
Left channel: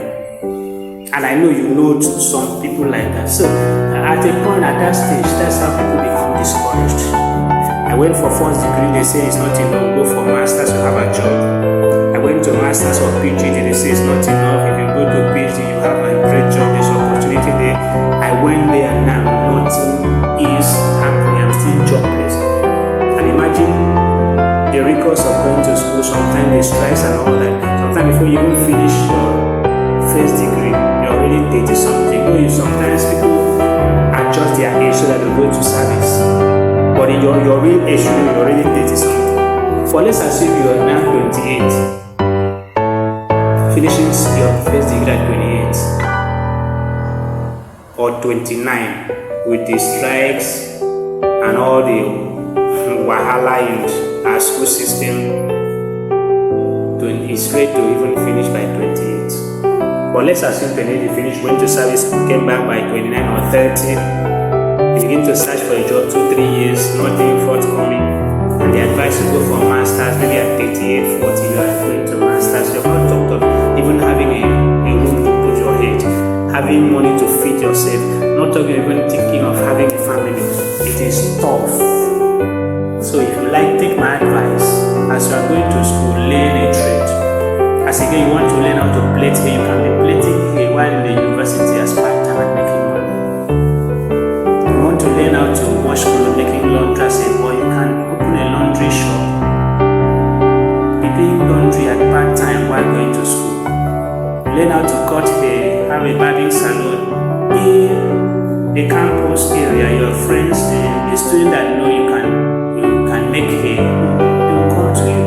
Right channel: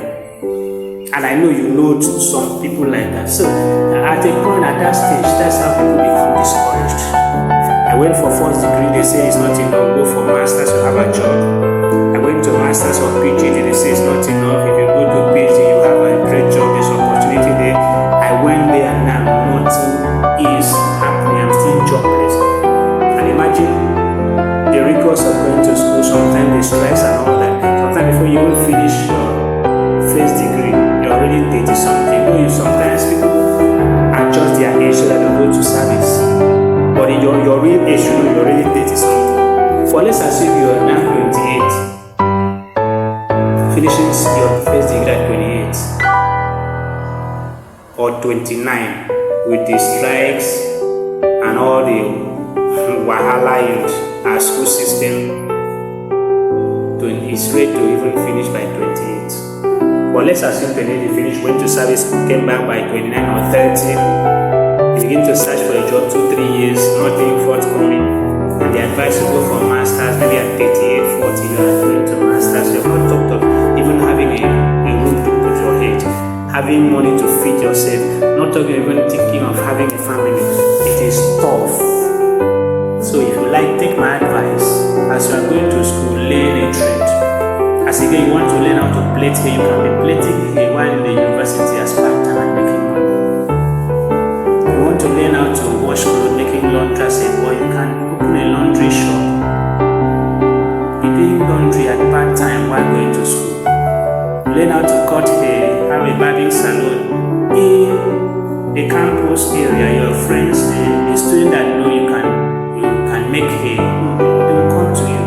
And I know you know some people like that. So at a point at that stage, that's how people become discouraged. I went for first degree, they say it's not enough. Go for masters, you have a job. I went to masters or PhD, they say it's not enough. If you go to PhD, you have a great job, there's opportunity there. I went there and now nothing is happening. I'm still jobless. And imagine the rigors of going to school, sometimes the stress and all that. Sometimes before you even finish your first degree, you're already 30 something. Though sometimes people adjust their age so that they go to service. But in your real age, you know, you're already 30 something. But let's assume you are now 28, finishing your first degree at 28 or 29 with the strikes and all the wahala in our school system. It's ready to even finish by 28. But let's assume 28 you finish, went to service, came back by 29 or 30. You begin to search for a job 2-3 years, nothing forthcoming. and the advice to go for masters, maybe at 38, 40, you are going to masters. You're not talked of even having a room to put your head, having money to feed yourself, not talking even thinking of having a family. It is tough. So if you like, take my advice. As you are going to school, learn a trade. As again, you want to learn how to plait hair, you can be plaiting hair while in the university as part-time and making money. You want to learn how to wash clothes, making laundry as a boy, you can open a laundry shop, be doing laundry at part-time while going to school. Learn how to cut hair, have a barbing salon in a campus area. Your friends and the student that know you can make hair, they will come to you.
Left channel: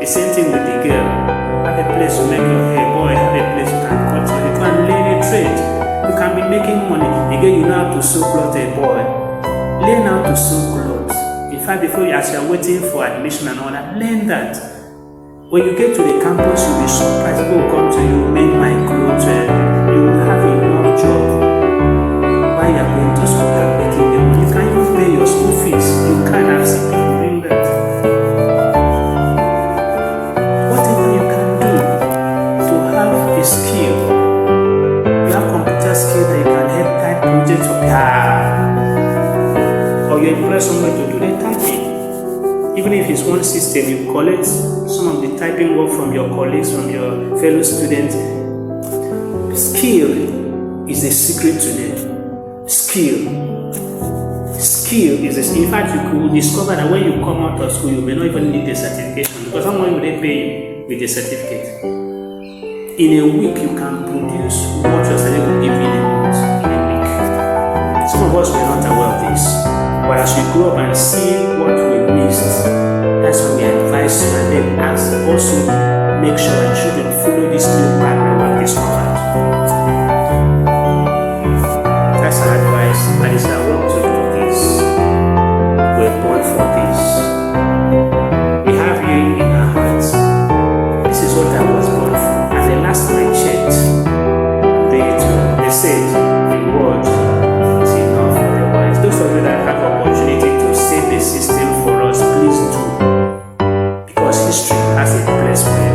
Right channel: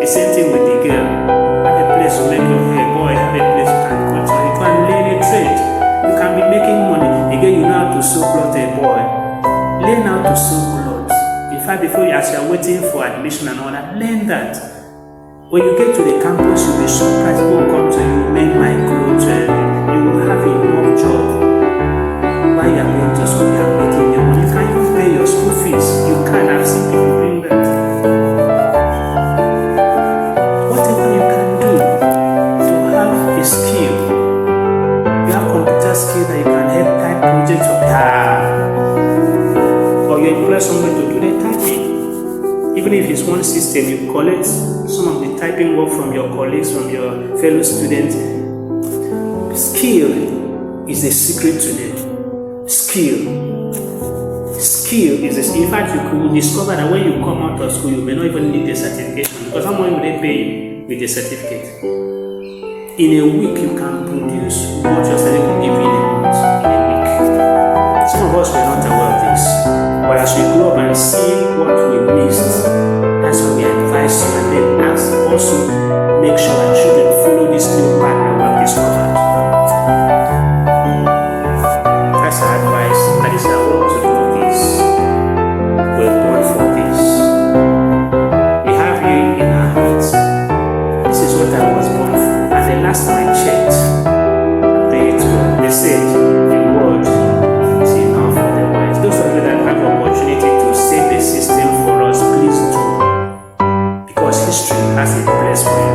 The same thing with the girl. Have a place to make your hair, boy, have a place you can cut your hair. You can learn a trade. You can be making money. Again, you know how to sew clothes, a boy. Learn how to sew clothes. In fact, before you, as you are waiting for admission and all that, learn that. When you get to the campus, you'll be surprised. People will come to you, make my clothes, you will have enough job. While you are going to school, you are making your money. You can even pay your school fees. You can. I've seen people doing that. Whatever you can do to have a skill. You have computer skill that you can help type projects or you employ somebody to do the typing. Even if it's one system, you collect some of the typing work from your colleagues, from your fellow students. Skill is the secret to them. Skill is this. In fact, you could discover that when you come out of school, you may not even need a certification because how much will they pay you with a certificate? In a week, you can produce what your certificate will give you in a month, in a week. Some of us were not aware of this, but as we grow up and see what we missed, that's why we advise you and then also make sure our children follow this new path that we have discovered. That's our advice. That is our work to do this. We're born for this. We have you in our hearts. This is what I was born for. And the last time I checked, they said the word is enough for the wise. Those of you that have the opportunity to save the system for us, please do. Because history has a place for you,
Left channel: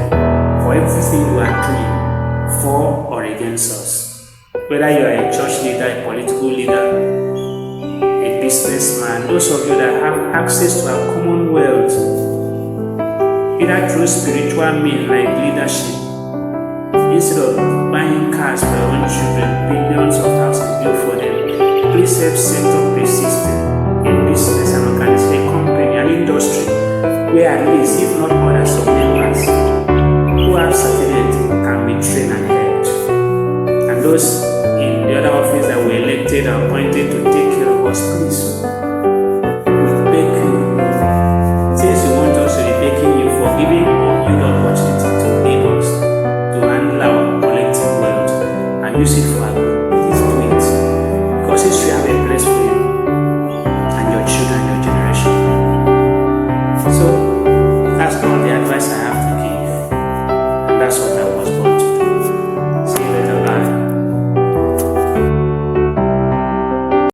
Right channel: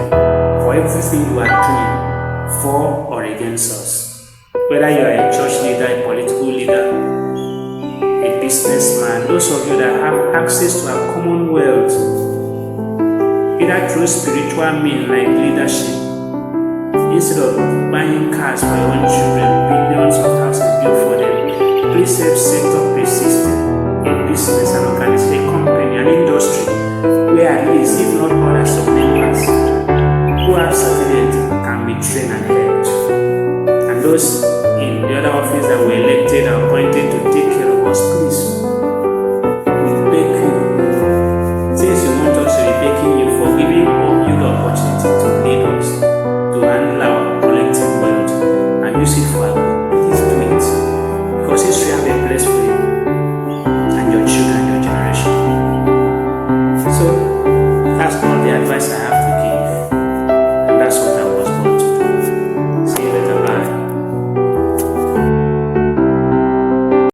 for everything you are doing, for or against us. Whether you are a church leader, a political leader, a businessman, those of you that have access to our commonwealth, either through spiritual means like leadership, instead of buying cars for your own children, billions of houses built for them, please help set up a system, a business, an organization, a company, an industry, where at least, if not others, some members who have certificate can be trained and helped. And those in the other office that were elected or appointed to take care of us, please, we beg you, since you want us to be begging you for giving you the opportunity to lead us, to handle our collective wealth and use it for our good, please do it. Because history have a place for you and your children, your generation. So that's all the advice I have to give, and that's what I was born to